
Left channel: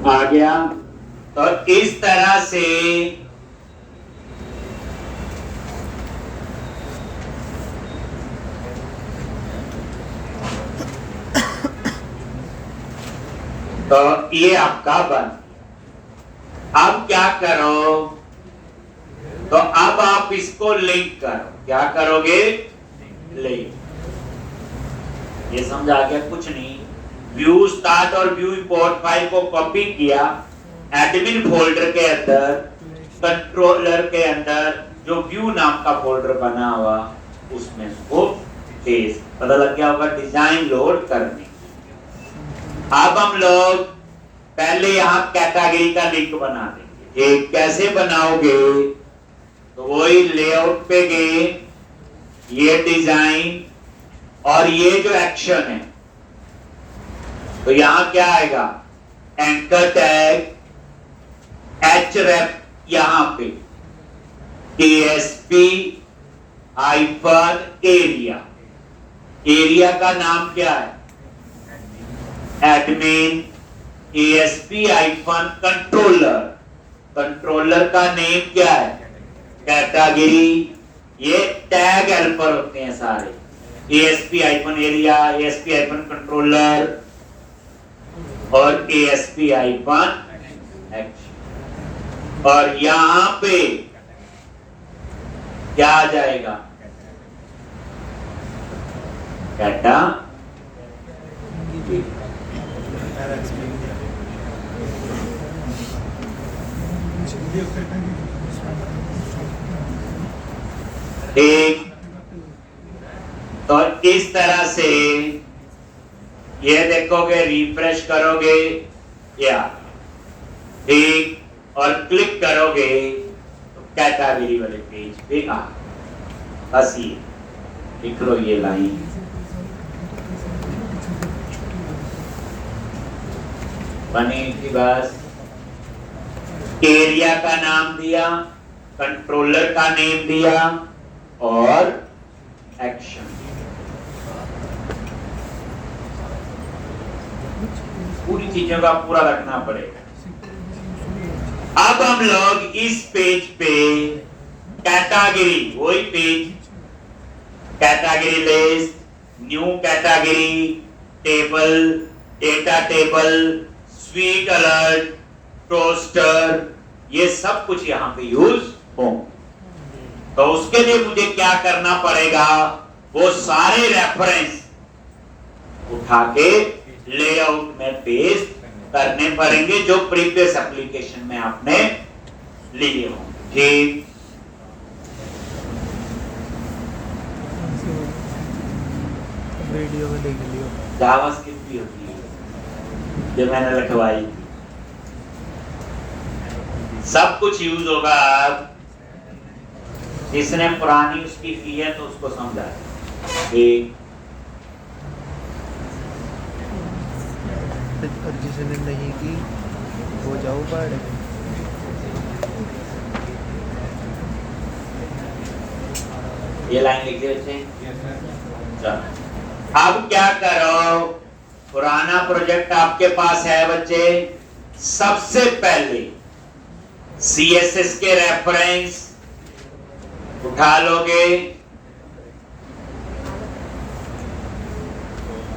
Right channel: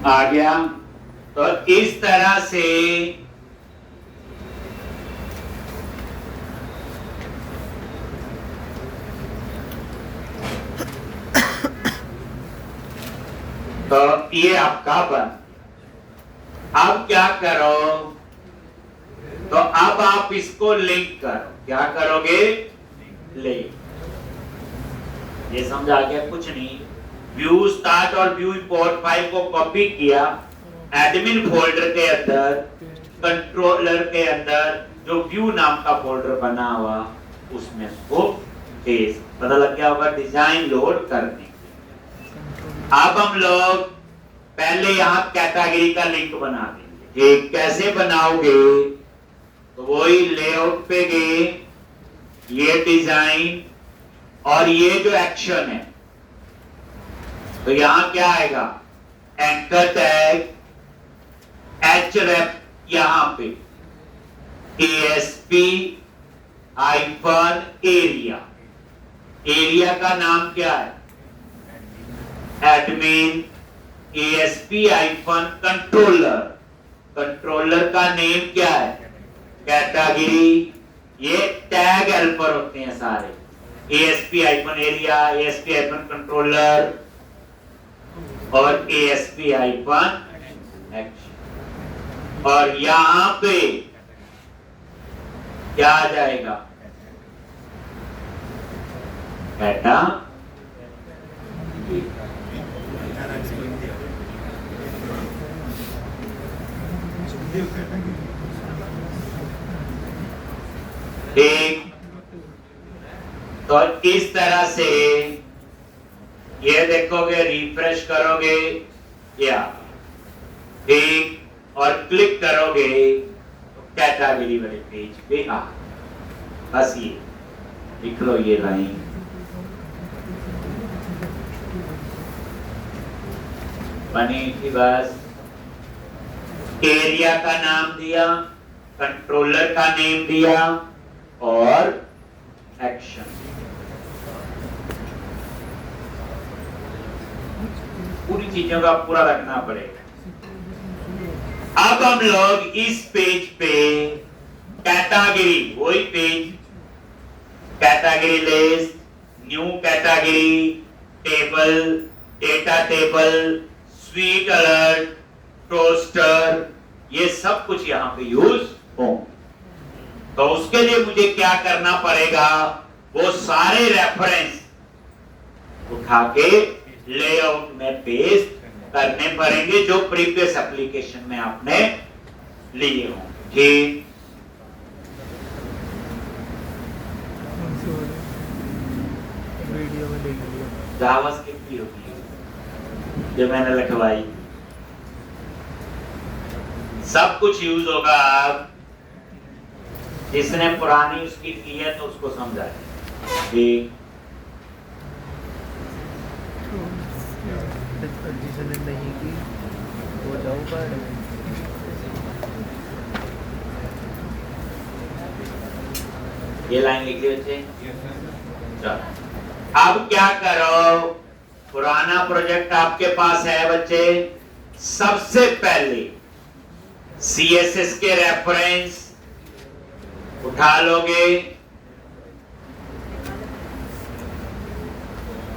आ गया। तो इस तरह से तो ये आपका बन। अब क्या करो, तो अब आप इसको लिंक करो। क्या करोगे, लिंक। ये समझा गया, कुछ नहीं। व्यू स्टार्ट और व्यू इंपोर्ट फाइल को कॉपी किया, एडमिन फोल्डर के अंदर, कंट्रोलर के अंदर जो व्यू नाम का फोल्डर बना हुआ उसमें इसको पेस्ट। पता लग गया होगा डिजाइन लोड करने। अब हम लोग पहले यहां कैटेगरी का लिंक बना देंगे। एक कैसे बनाओगे, तो वही लेआउट पे गए, ये डिजाइन और ये जो एक्शन है, तो यहां क्या आएगा, एंकर टैग href, यहां पे ASP हाइफन एरिया, एरिया का नाम क्या है, admin, ASP hyphen controller, controller का नेम क्या है, कैटेगरी। ये टैग हेल्पर होते हैं सारे, ASP hyphen area, ASP hyphen controller और ASP हाइफन एक्शन। और यहां पे क्या आ जाएगा, कैटा एक। तो इस तरह से ये देखोगे, रिफ्रेश करोगे या एक और क्लिक करोगे तो कैटेगरी वाले पेज पे आ, बस ये लिख लो ये लाइन, बनी थी बस। एरिया का नाम दिया, कंट्रोलर का नेम दिया और एक्शन। पूरी चीजों का पूरा रखना पड़ेगा। अब हम लोग इस पेज पे कैटेगरी, वही page, category list, new category, table, data table, sweet alert, toaster, ये सब कुछ यहां पे यूज हो। तो उसके लिए मुझे क्या करना पड़ेगा, वो सारे रेफरेंस उठा के लेआउट में पेस्ट करने पड़ेंगे जो प्रीवियस एप्लीकेशन में आपने लिए हो। ठीक, वीडियो में देख लियो, जावास्क्रिप्ट भी होती है जो मैंने रखवाई, सब कुछ यूज होगा। जिसने पुरानी उसकी की है तो उसको समझा। ठीक, जिसने नहीं की वो जाओ पढ़। ये लाइन लिख दिए बच्चे। अब क्या करो, पुराना प्रोजेक्ट आपके पास है बच्चे, सबसे पहले CSS के रेफरेंस उठा लोगे,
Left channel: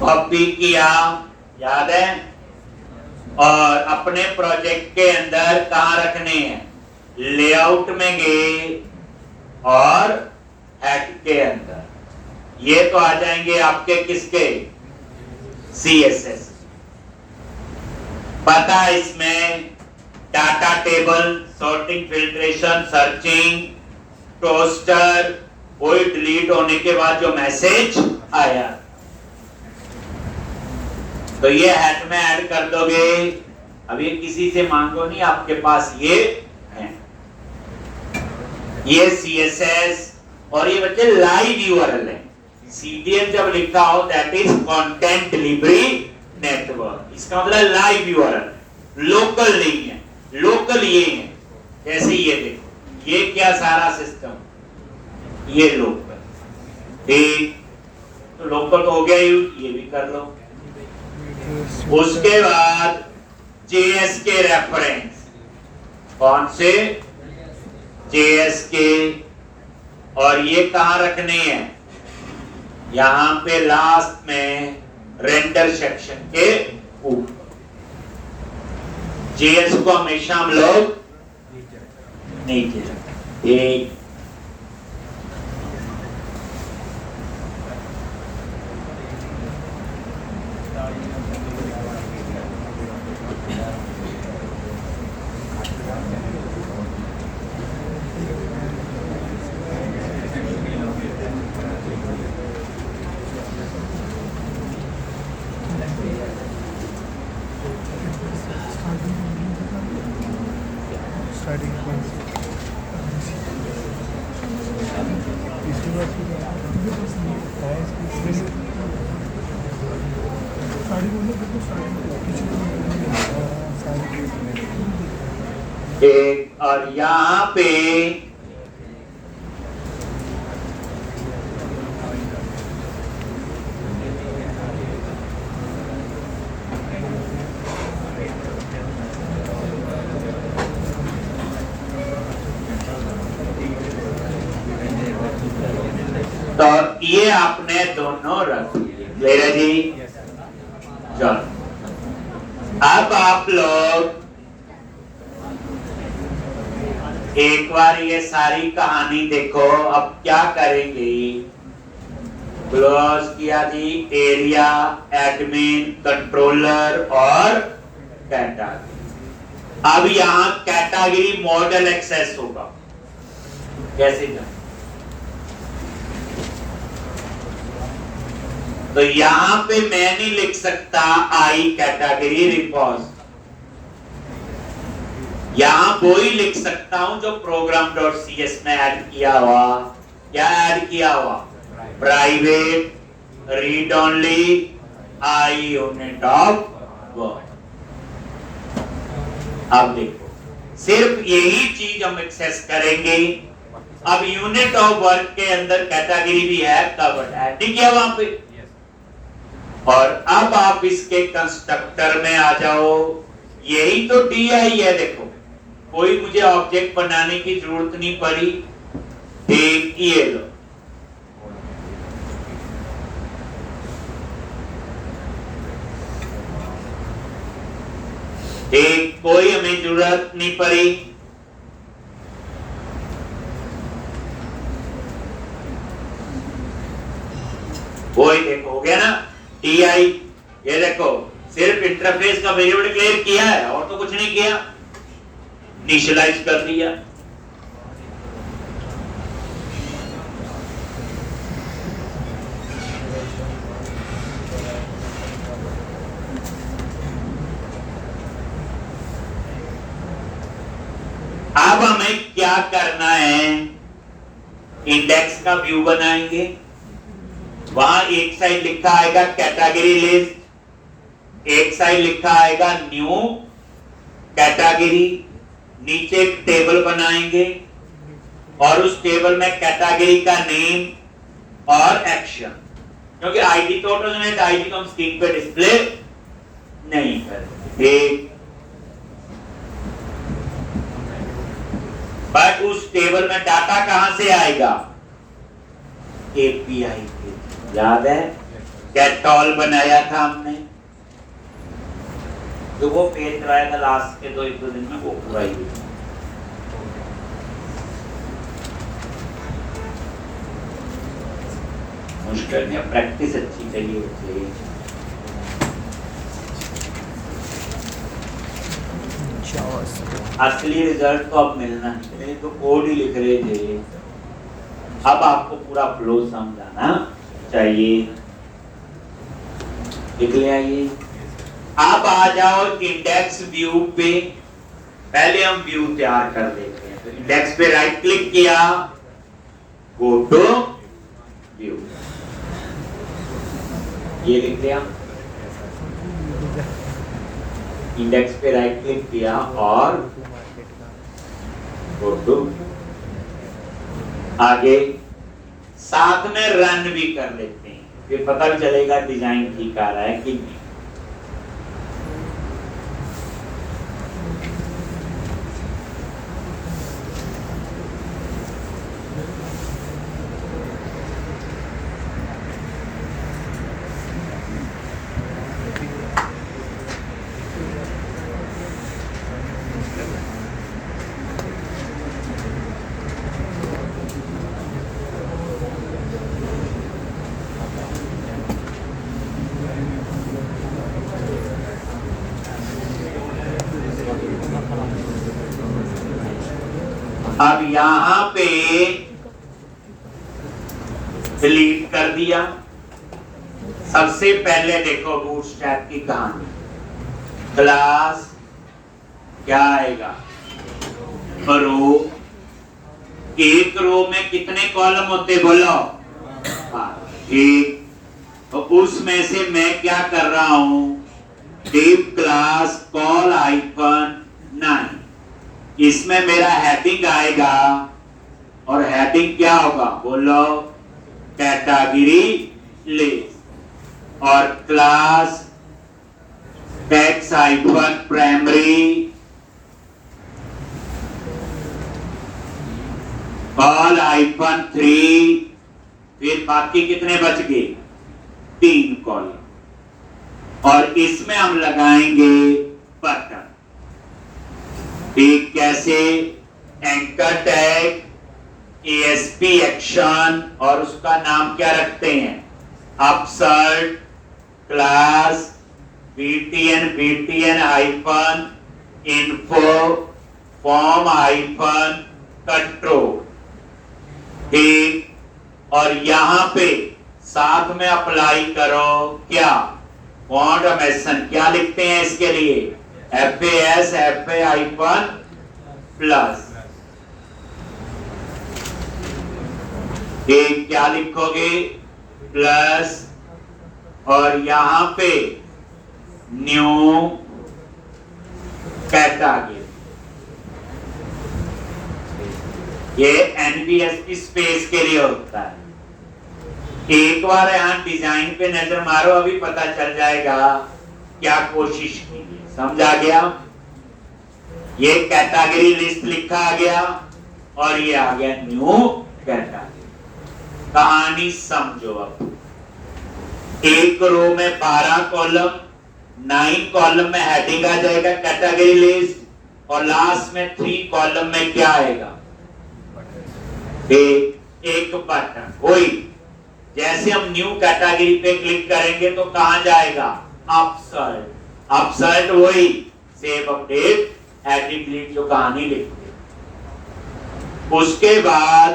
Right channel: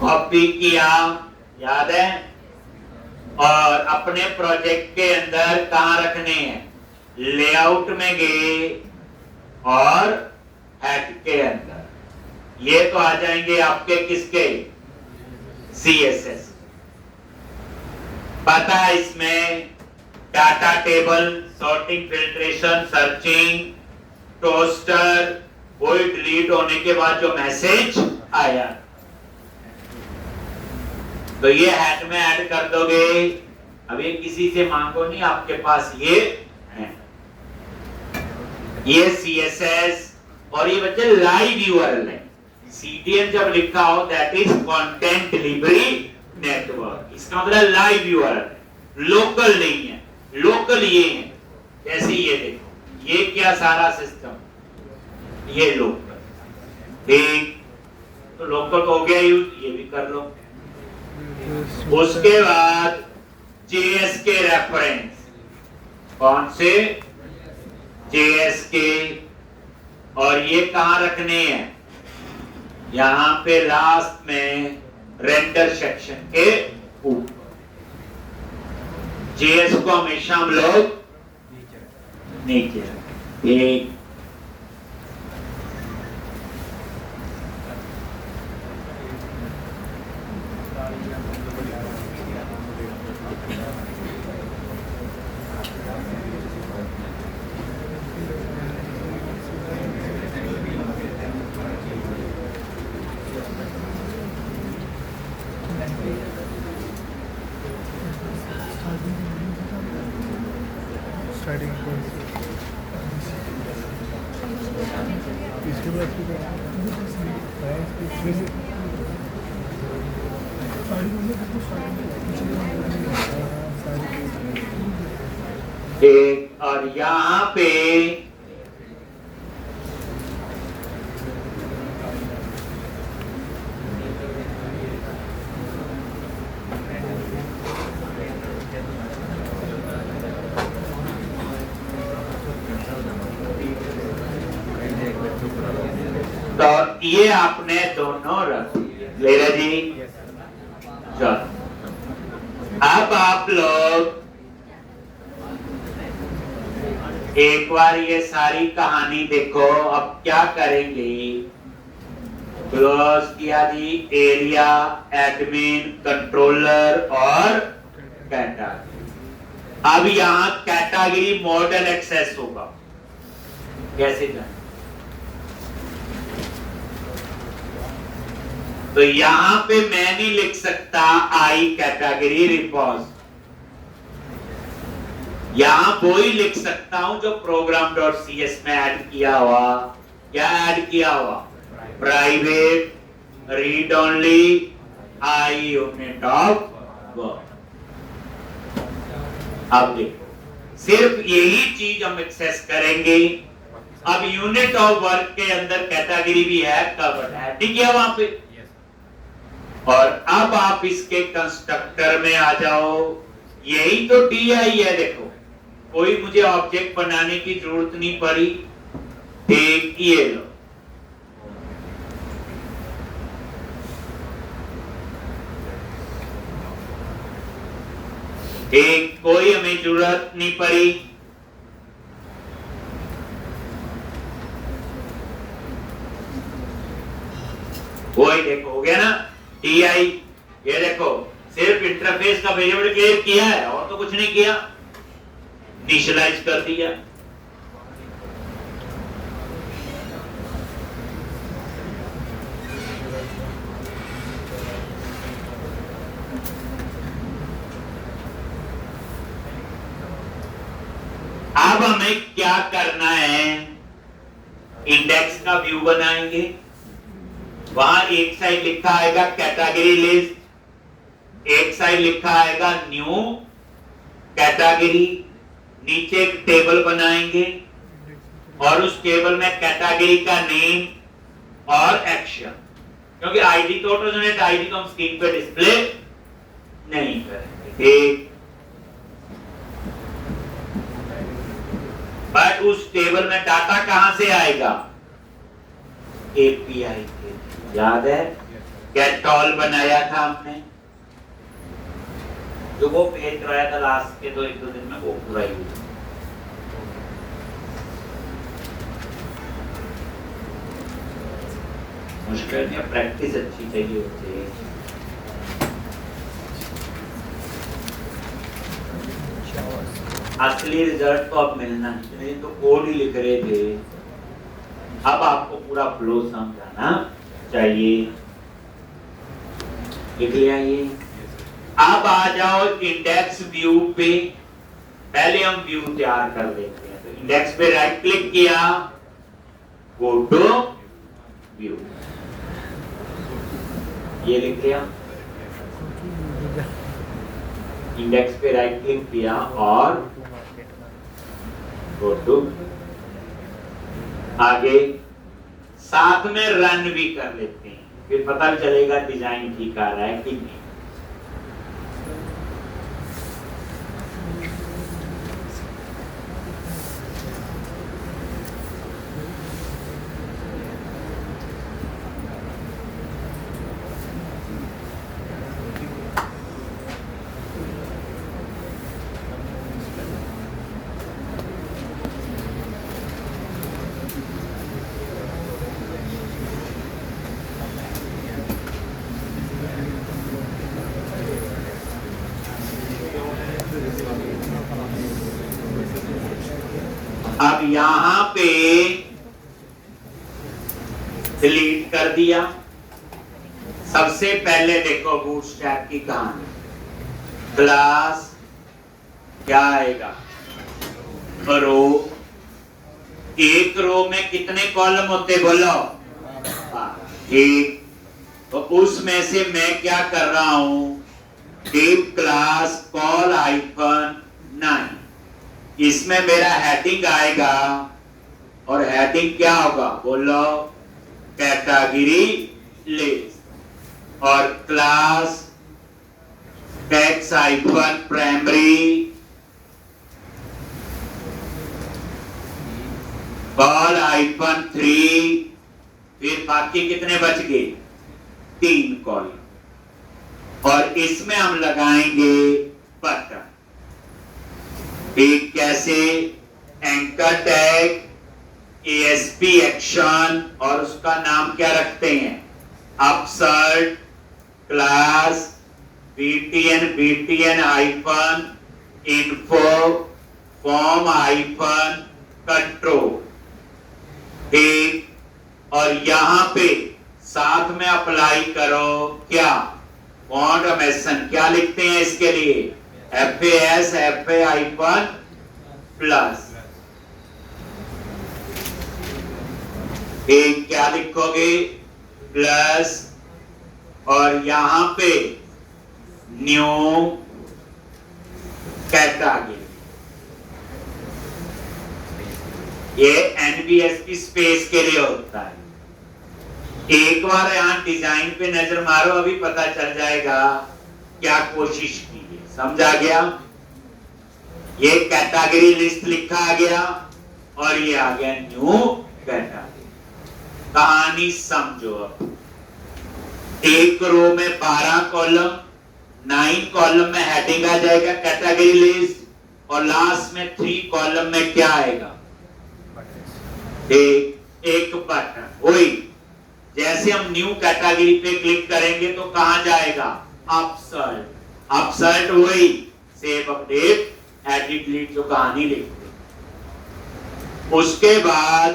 कॉपी किया, याद है, और अपने प्रोजेक्ट के अंदर कहां रखने हैं, लेआउट में गए और हेड के अंदर, ये तो आ जाएंगे आपके किसके, CSS। पता इसमें data table, sorting, filtration, searching, toaster, वही डिलीट होने के बाद जो मैसेज आया, तो ये हेड में ऐड कर दोगे। अब ये किसी से मांगो नहीं, आपके पास ये है, ये CSS। और ये बच्चे लाइव URL है। CDN जब लिखा हो that is content delivery network, इसका मतलब लाइव URL, लोकल नहीं है। लोकल ये है, जैसे ये देखो, ये क्या सारा सिस्टम, ये लोकल। ठीक, तो लोकल तो हो गया यूज, ये भी कर लो। उसके बाद JS के रेफरेंस, कौन से, JS के, और ये कहां रखने हैं, यहां पे लास्ट में रेंडर सेक्शन के ऊपर। JS को हमेशा हम लोग नीचे रखें। एक स्टार्टिंग एक और यहाँ पे तो ये आपने दोनों रख लिया जी। चलो अब आप लोग एक बार ये सारी कहानी देखो। अब क्या करेंगे, क्लोज किया जी, एरिया, एडमिन, कंट्रोलर और कैटेगरी। अब यहाँ कैटेगरी मॉडल एक्सेस होगा, कैसे जाए? तो यहां पे मैं नहीं लिख सकता आई कैटेगरी रिपॉज, यहां वो ही लिख सकता हूं जो program.cs में ऐड किया हुआ। क्या ऐड किया हुआ? Private read only I unit of work. अब देखो सिर्फ यही चीज हम एक्सेस करेंगे। अब यूनिट ऑफ वर्क के अंदर कैटेगरी भी है, कवर्ड है, ठीक है वहां पे। और अब आप इसके कंस्ट्रक्टर में आ जाओ, यही तो DI है। देखो कोई मुझे ऑब्जेक्ट बनाने की जरूरत नहीं पड़ी। एक ये लो, एक कोई हमें जरूरत नहीं पड़ी। वही देखो हो गया ना DI। ये देखो सिर्फ इंटरफेस का वेरिएबल क्लियर किया है और तो कुछ नहीं किया, इनिशियलाइज कर दिया। अब हमें क्या करना है, इंडेक्स का व्यू बनाएंगे। वहां एक साइड लिखा आएगा कैटेगरी लिस्ट, एक साइड लिखा आएगा न्यू कैटेगरी। नीचे एक टेबल बनाएंगे और उस टेबल में कैटेगरी का नेम और एक्शन, क्योंकि आईडी तो ऑटोमेटिक आईडी को हम स्क्रीन पे डिस्प्ले नहीं करेंगे। बट उस टेबल में डाटा कहां से आएगा? एपीआई के। याद है गेट ऑल बनाया था हमने, जो वो पेज कराया था लास्ट के एक दो दिन में, वो पूरा ही मुश्किल है, प्रैक्टिस अच्छी चाहिए होती है। असली रिजल्ट तो अब मिलना चाहिए, तो कोड ही लिख रहे थे। अब आपको पूरा फ्लो समझाना चाहिए। लिख लिया ये। अब आ जाओ इंडेक्स व्यू पे। पहले हम व्यू तैयार कर लेते हैं। तो इंडेक्स पे राइट क्लिक किया, गो टू व्यू, ये लिख लिया। इंडेक्स पे राइट क्लिक किया और गो टू, आगे साथ में रन भी कर लेते हैं, फिर पता भी चलेगा डिजाइन ठीक आ रहा है कि नहीं। अब यहां पे डिलीट कर दिया। सबसे पहले देखो बूटस्ट्रैप की कहानी, क्लास क्या आएगा, रो एक रो में कितने कॉलम होते बोलो? ठीक, तो उसमें से मैं क्या कर रहा हूं, div क्लास कॉल हाइफन 9, इसमें मेरा हेडिंग आएगा और हेडिंग क्या होगा बोलो? Category list. और class text hyphen primary col hyphen 3, फिर बाकी कितने बच गए? 3 कॉलम। और इसमें हम लगाएंगे बटन। ठीक, कैसे? एंकर टैग, ASP एक्शन, और उसका नाम क्या रखते हैं? Upsert class BTN hyphen info form hyphen control. ठीक, और यहां पे साथ में अप्लाई करो क्या? फॉन्ट मेसन क्या लिखते हैं इसके लिए? FAS FA hyphen plus. एक क्या लिखोगे? प्लस, और यहां पे न्यू कैटेगरी। ये NVS की स्पेस के लिए होता है। एक बार यहां डिजाइन पे नजर मारो, अभी पता चल जाएगा क्या कोशिश की है। समझा गया? ये कैटेगरी लिस्ट लिखा आ गया और ये आ गया न्यू कैटेगरी। कहानी समझो। अब एक रो में 12 कॉलम, 9 कॉलम में हेडिंग आ जाएगा कैटेगरी लिस्ट, और लास्ट में 3 कॉलम में क्या आएगा? एक बटन। वही जैसे हम न्यू कैटेगरी पे क्लिक करेंगे तो कहां जाएगा? अपसर्ट। अपसर्ट वही सेव अपडेट एडिट डिलीट जो कहानी लिखते। उसके बाद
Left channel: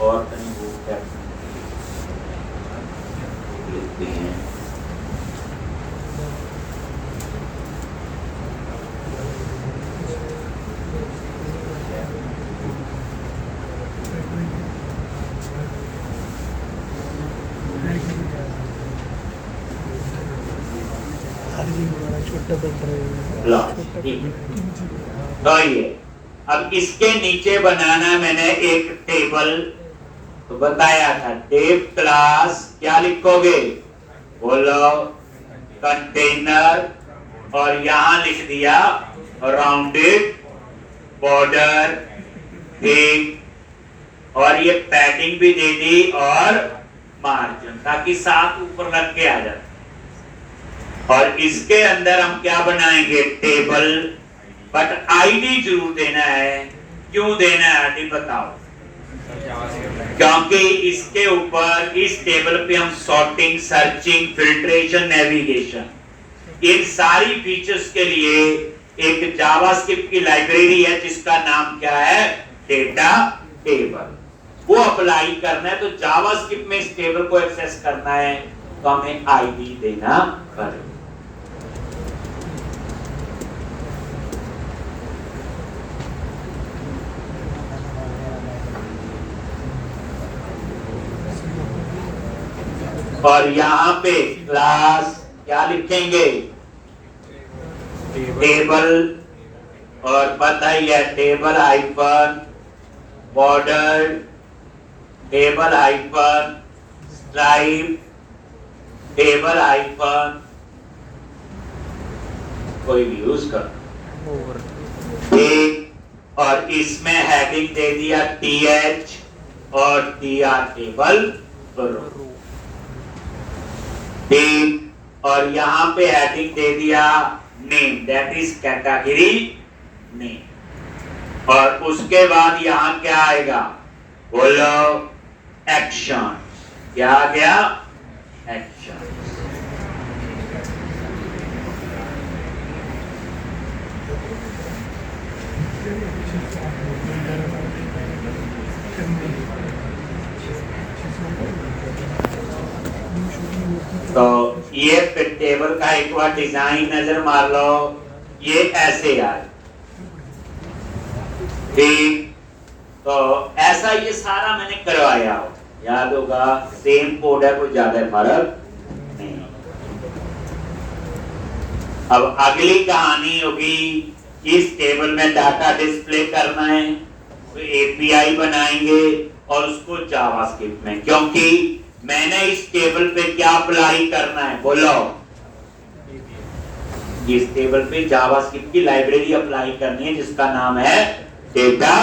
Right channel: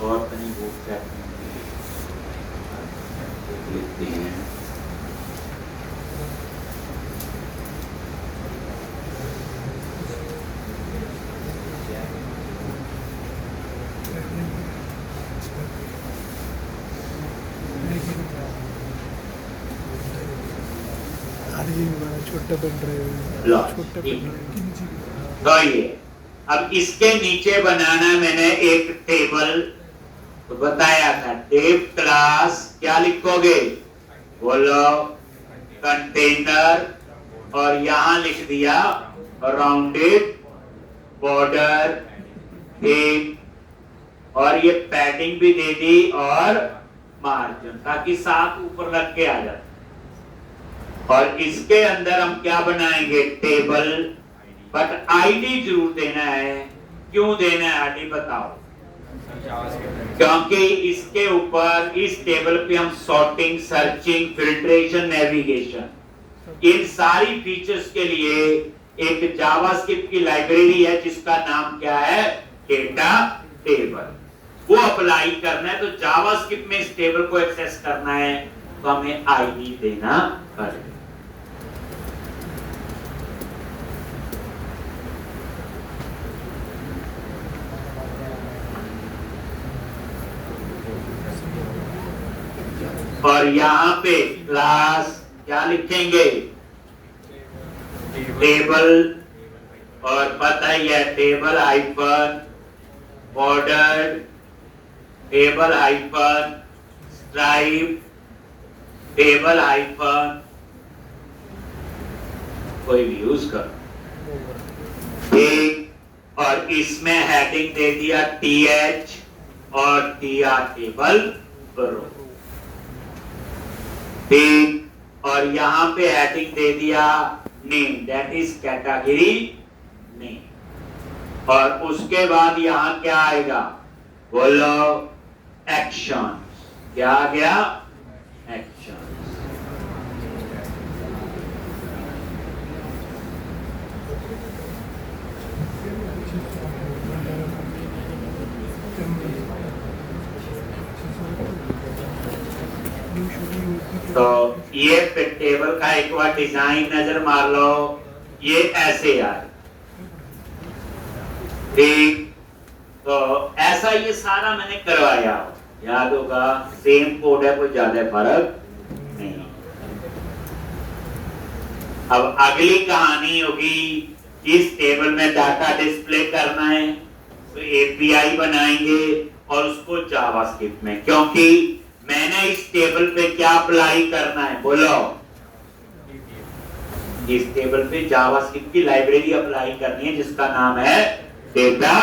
और कहीं वो लिखते हैं। तो ये अब इसके नीचे बनाना मैंने एक टेबल तो बताया था। टेब क्लास क्या लिखोगे बोलो? कंटेनर, और यहां लिख दिया राउंडेड बॉर्डर थीम, और ये पैडिंग भी दे दी और मार्जिन, ताकि साथ ऊपर लग के आ जाए। और इसके अंदर हम क्या बनाएंगे? टेबल, बट आईडी जरूर देना है। क्यों देना है आईडी बताओ? क्योंकि इसके ऊपर इस टेबल पे हम सॉर्टिंग, सर्चिंग, फिल्ट्रेशन, नेविगेशन, इन सारी फीचर्स के लिए एक जावास्क्रिप्ट की लाइब्रेरी है जिसका नाम क्या है? Data table. वो अप्लाई करना है, तो जावास्क्रिप्ट में इस टेबल को एक्सेस करना है तो हमें आईडी देना पड़ेगा। और यहां पे क्लास क्या लिखेंगे? टेबल, और पता ही है table hyphen border, table hyphen stripe, table hyphen कोई भी यूज कर। ठीक, और इसमें हेडिंग दे दिया TH और TR टेबल रो। ठीक, और यहां पे हेडिंग दे दिया name, that is category name. और उसके बाद यहां क्या आएगा बोलो? एक्शन। क्या आ गया? एक्शन। तो ये टेबल का एक बार डिजाइन नजर मार लो। ये ऐसे आए, ठीक, तो ऐसा ये सारा मैंने करवाया, याद होगा, सेम कोड है, कोई ज्यादा फर्क नहीं। अब अगली कहानी होगी, इस टेबल में डाटा डिस्प्ले करना है, तो एपीआई बनाएंगे और उसको जावास्क्रिप्ट में, क्योंकि मैंने इस टेबल पे क्या अप्लाई करना है, बोलो, इस टेबल पे जावास्क्रिप्ट की लाइब्रेरी अप्लाई करनी है जिसका नाम है डेटा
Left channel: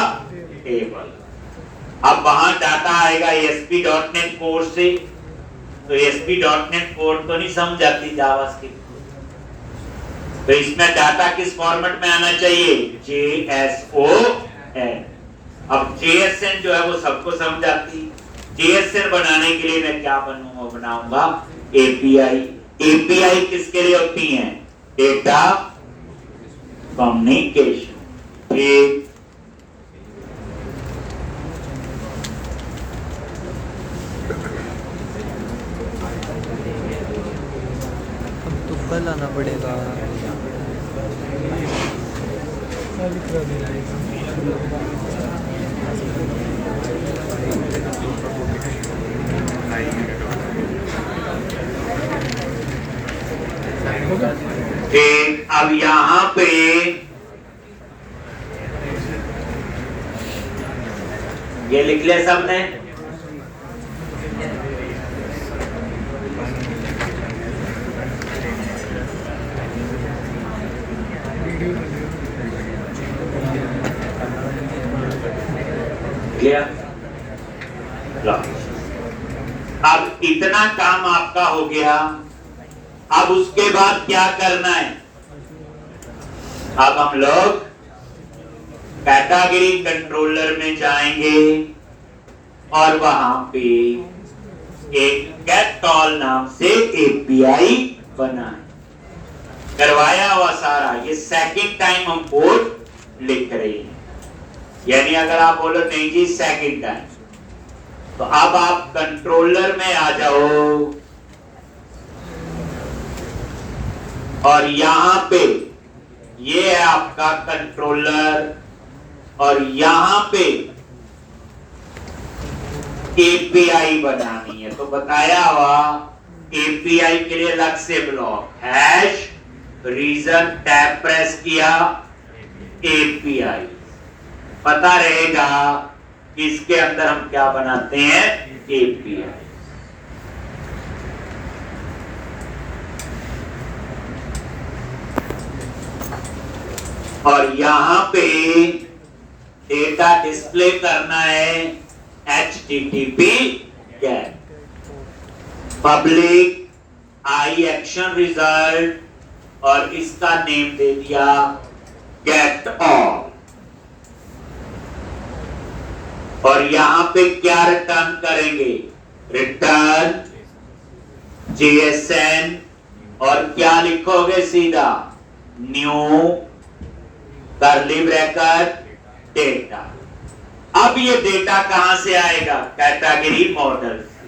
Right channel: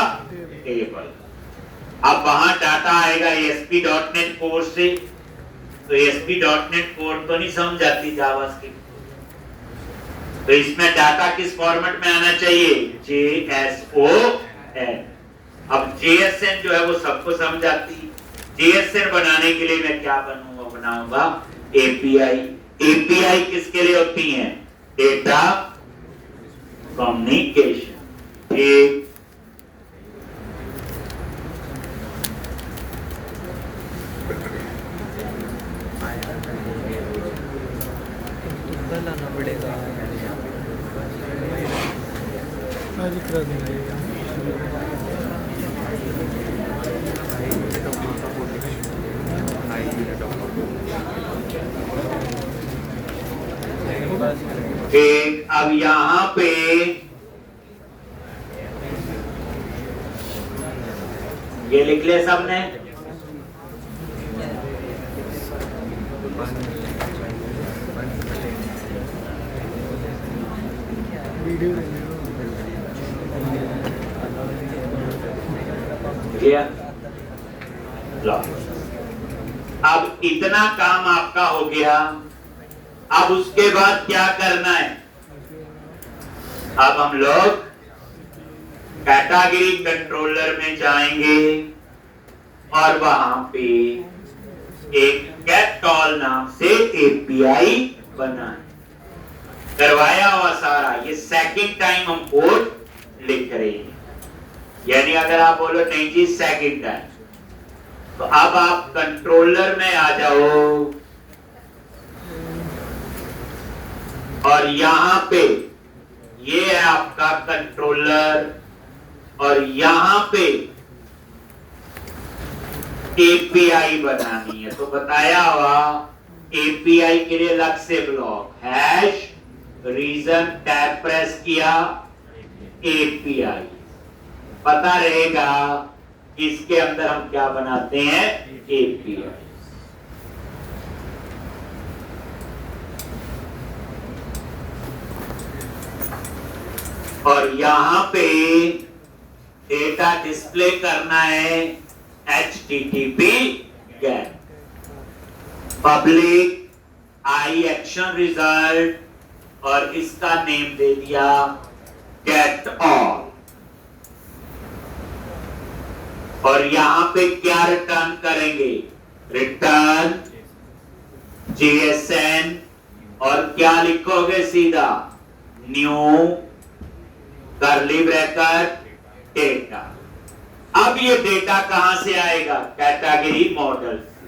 टेबल। अब वहां डाटा आएगा ASP.NET कोड से, तो ASP.NET कोड तो नहीं समझ आती जावास्क्रिप्ट, तो इसमें डाटा किस फॉर्मेट में आना चाहिए, JSON। अब JSN जो है वो सबको समझ आती, JSN बनाने के लिए मैं क्या बनाऊंगा, API। API किसके लिए होती है, डेटा कम्युनिकेशन। ठीक, तुक्का लाना पड़ेगा। ठीक, अब यहाँ पे ये लिख लिया सबने, अब इतना काम आपका हो गया। अब उसके बाद क्या करना है, अब हम लोग कैटेगरी कंट्रोलर में जाएंगे और वहां पे एक गेटऑल नाम से एपीआई बनाए, करवाया हुआ सारा, ये सेकंड टाइम हम कोड लिख रहे हैं। यानी अगर आप बोलो नहीं जी सेकंड टाइम, तो अब आप कंट्रोलर में आ जाओ और यहां पे ये है आपका कंट्रोलर और यहां पे एपीआई बनानी है। तो बताया हुआ एपीआई के लिए अलग से block, hash region tab press किया, एपीआई पता रहेगा इसके अंदर हम क्या बनाते हैं, एपीआई। और यहां पे डेटा डिस्प्ले करना है HTTP गेट, पब्लिक आई एक्शन रिजल्ट और इसका नेम दे दिया गेट ऑल। और यहां पे क्या रिटर्न करेंगे, रिटर्न JSN और क्या लिखोगे सीधा, न्यू कर्ली ब्रैकेट डेटा। अब ये डेटा कहां से आएगा, कैटेगरी मॉडल से,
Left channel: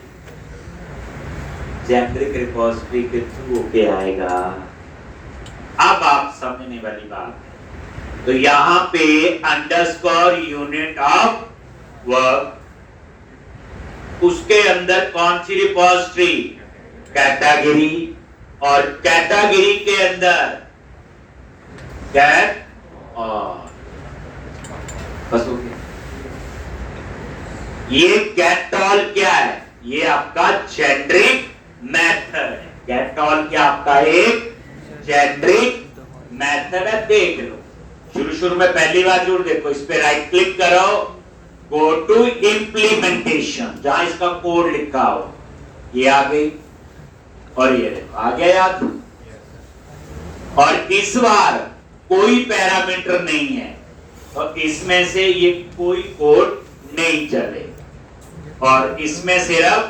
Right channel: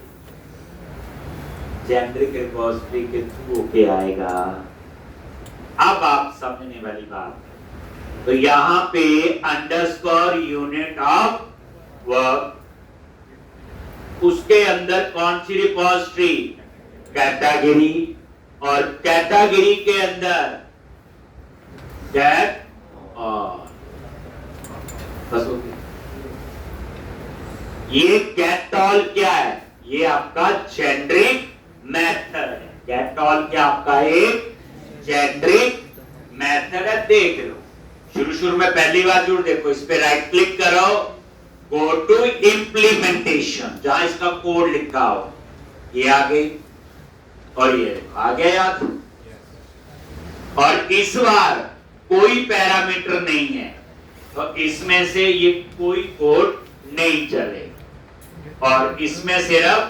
जेनेरिक रिपोजिटरी के थ्रू होके आएगा। अब आप समझने वाली बात है, तो यहां पे अंडरस्कोर यूनिट ऑफ वर्क, उसके अंदर कौन सी रिपोजिटरी, कैटेगरी, और कैटेगरी के अंदर गेट ऑल। बस हो गया। ये गेट ऑल क्या है, ये आपका जेनेरिक मेथड है। गेट ऑल क्या आपका एक जेनेरिक मेथड है। देख लो शुरू में पहली बार जरूर देखो, इस पे राइट क्लिक करो, गो टू इम्प्लीमेंटेशन, जहां इसका कोड लिखा हो, ये आ गई और ये देखो आ गया याद। और इस बार कोई पैरामीटर नहीं है, तो इसमें से ये कोई कोड नहीं चले, और इसमें सिर्फ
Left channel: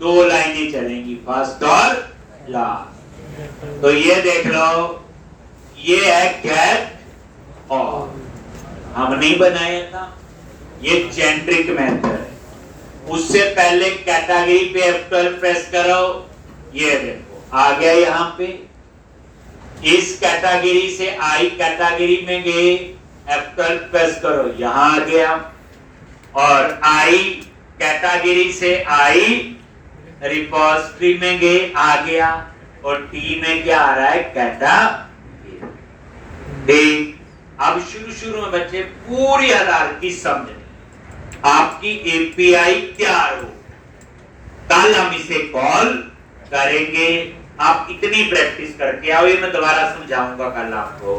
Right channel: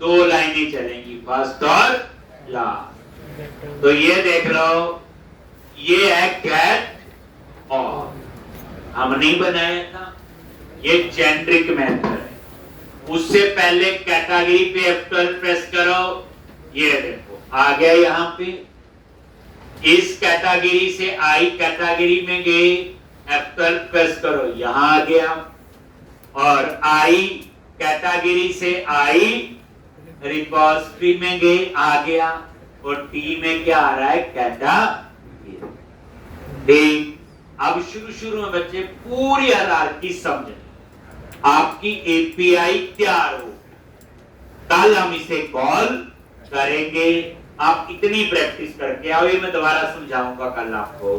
दो लाइनें चलेंगी, फर्स्ट और लास्ट। तो ये देख लो, ये है गेट ऑल, हम नहीं बनाया था, ये जेनेरिक मेथड है। उससे पहले कैटेगरी पे F12 प्रेस करो, ये देखो आ गया यहां पे। इस कैटेगरी से आई कैटेगरी में गए, F12 प्रेस करो, यहां आ गया। और आई कैटेगरी से आई रिपोजिटरी में गए, आ गया। और टी में क्या आ रहा है, कैटेगरी। अब शुरू में बच्चे पूरी आधार की समझ, आपकी एपीआई तैयार हो, कल हम इसे कॉल करेंगे। आप इतनी प्रैक्टिस करके आओ, ये मैं दोबारा समझाऊंगा कल आपको।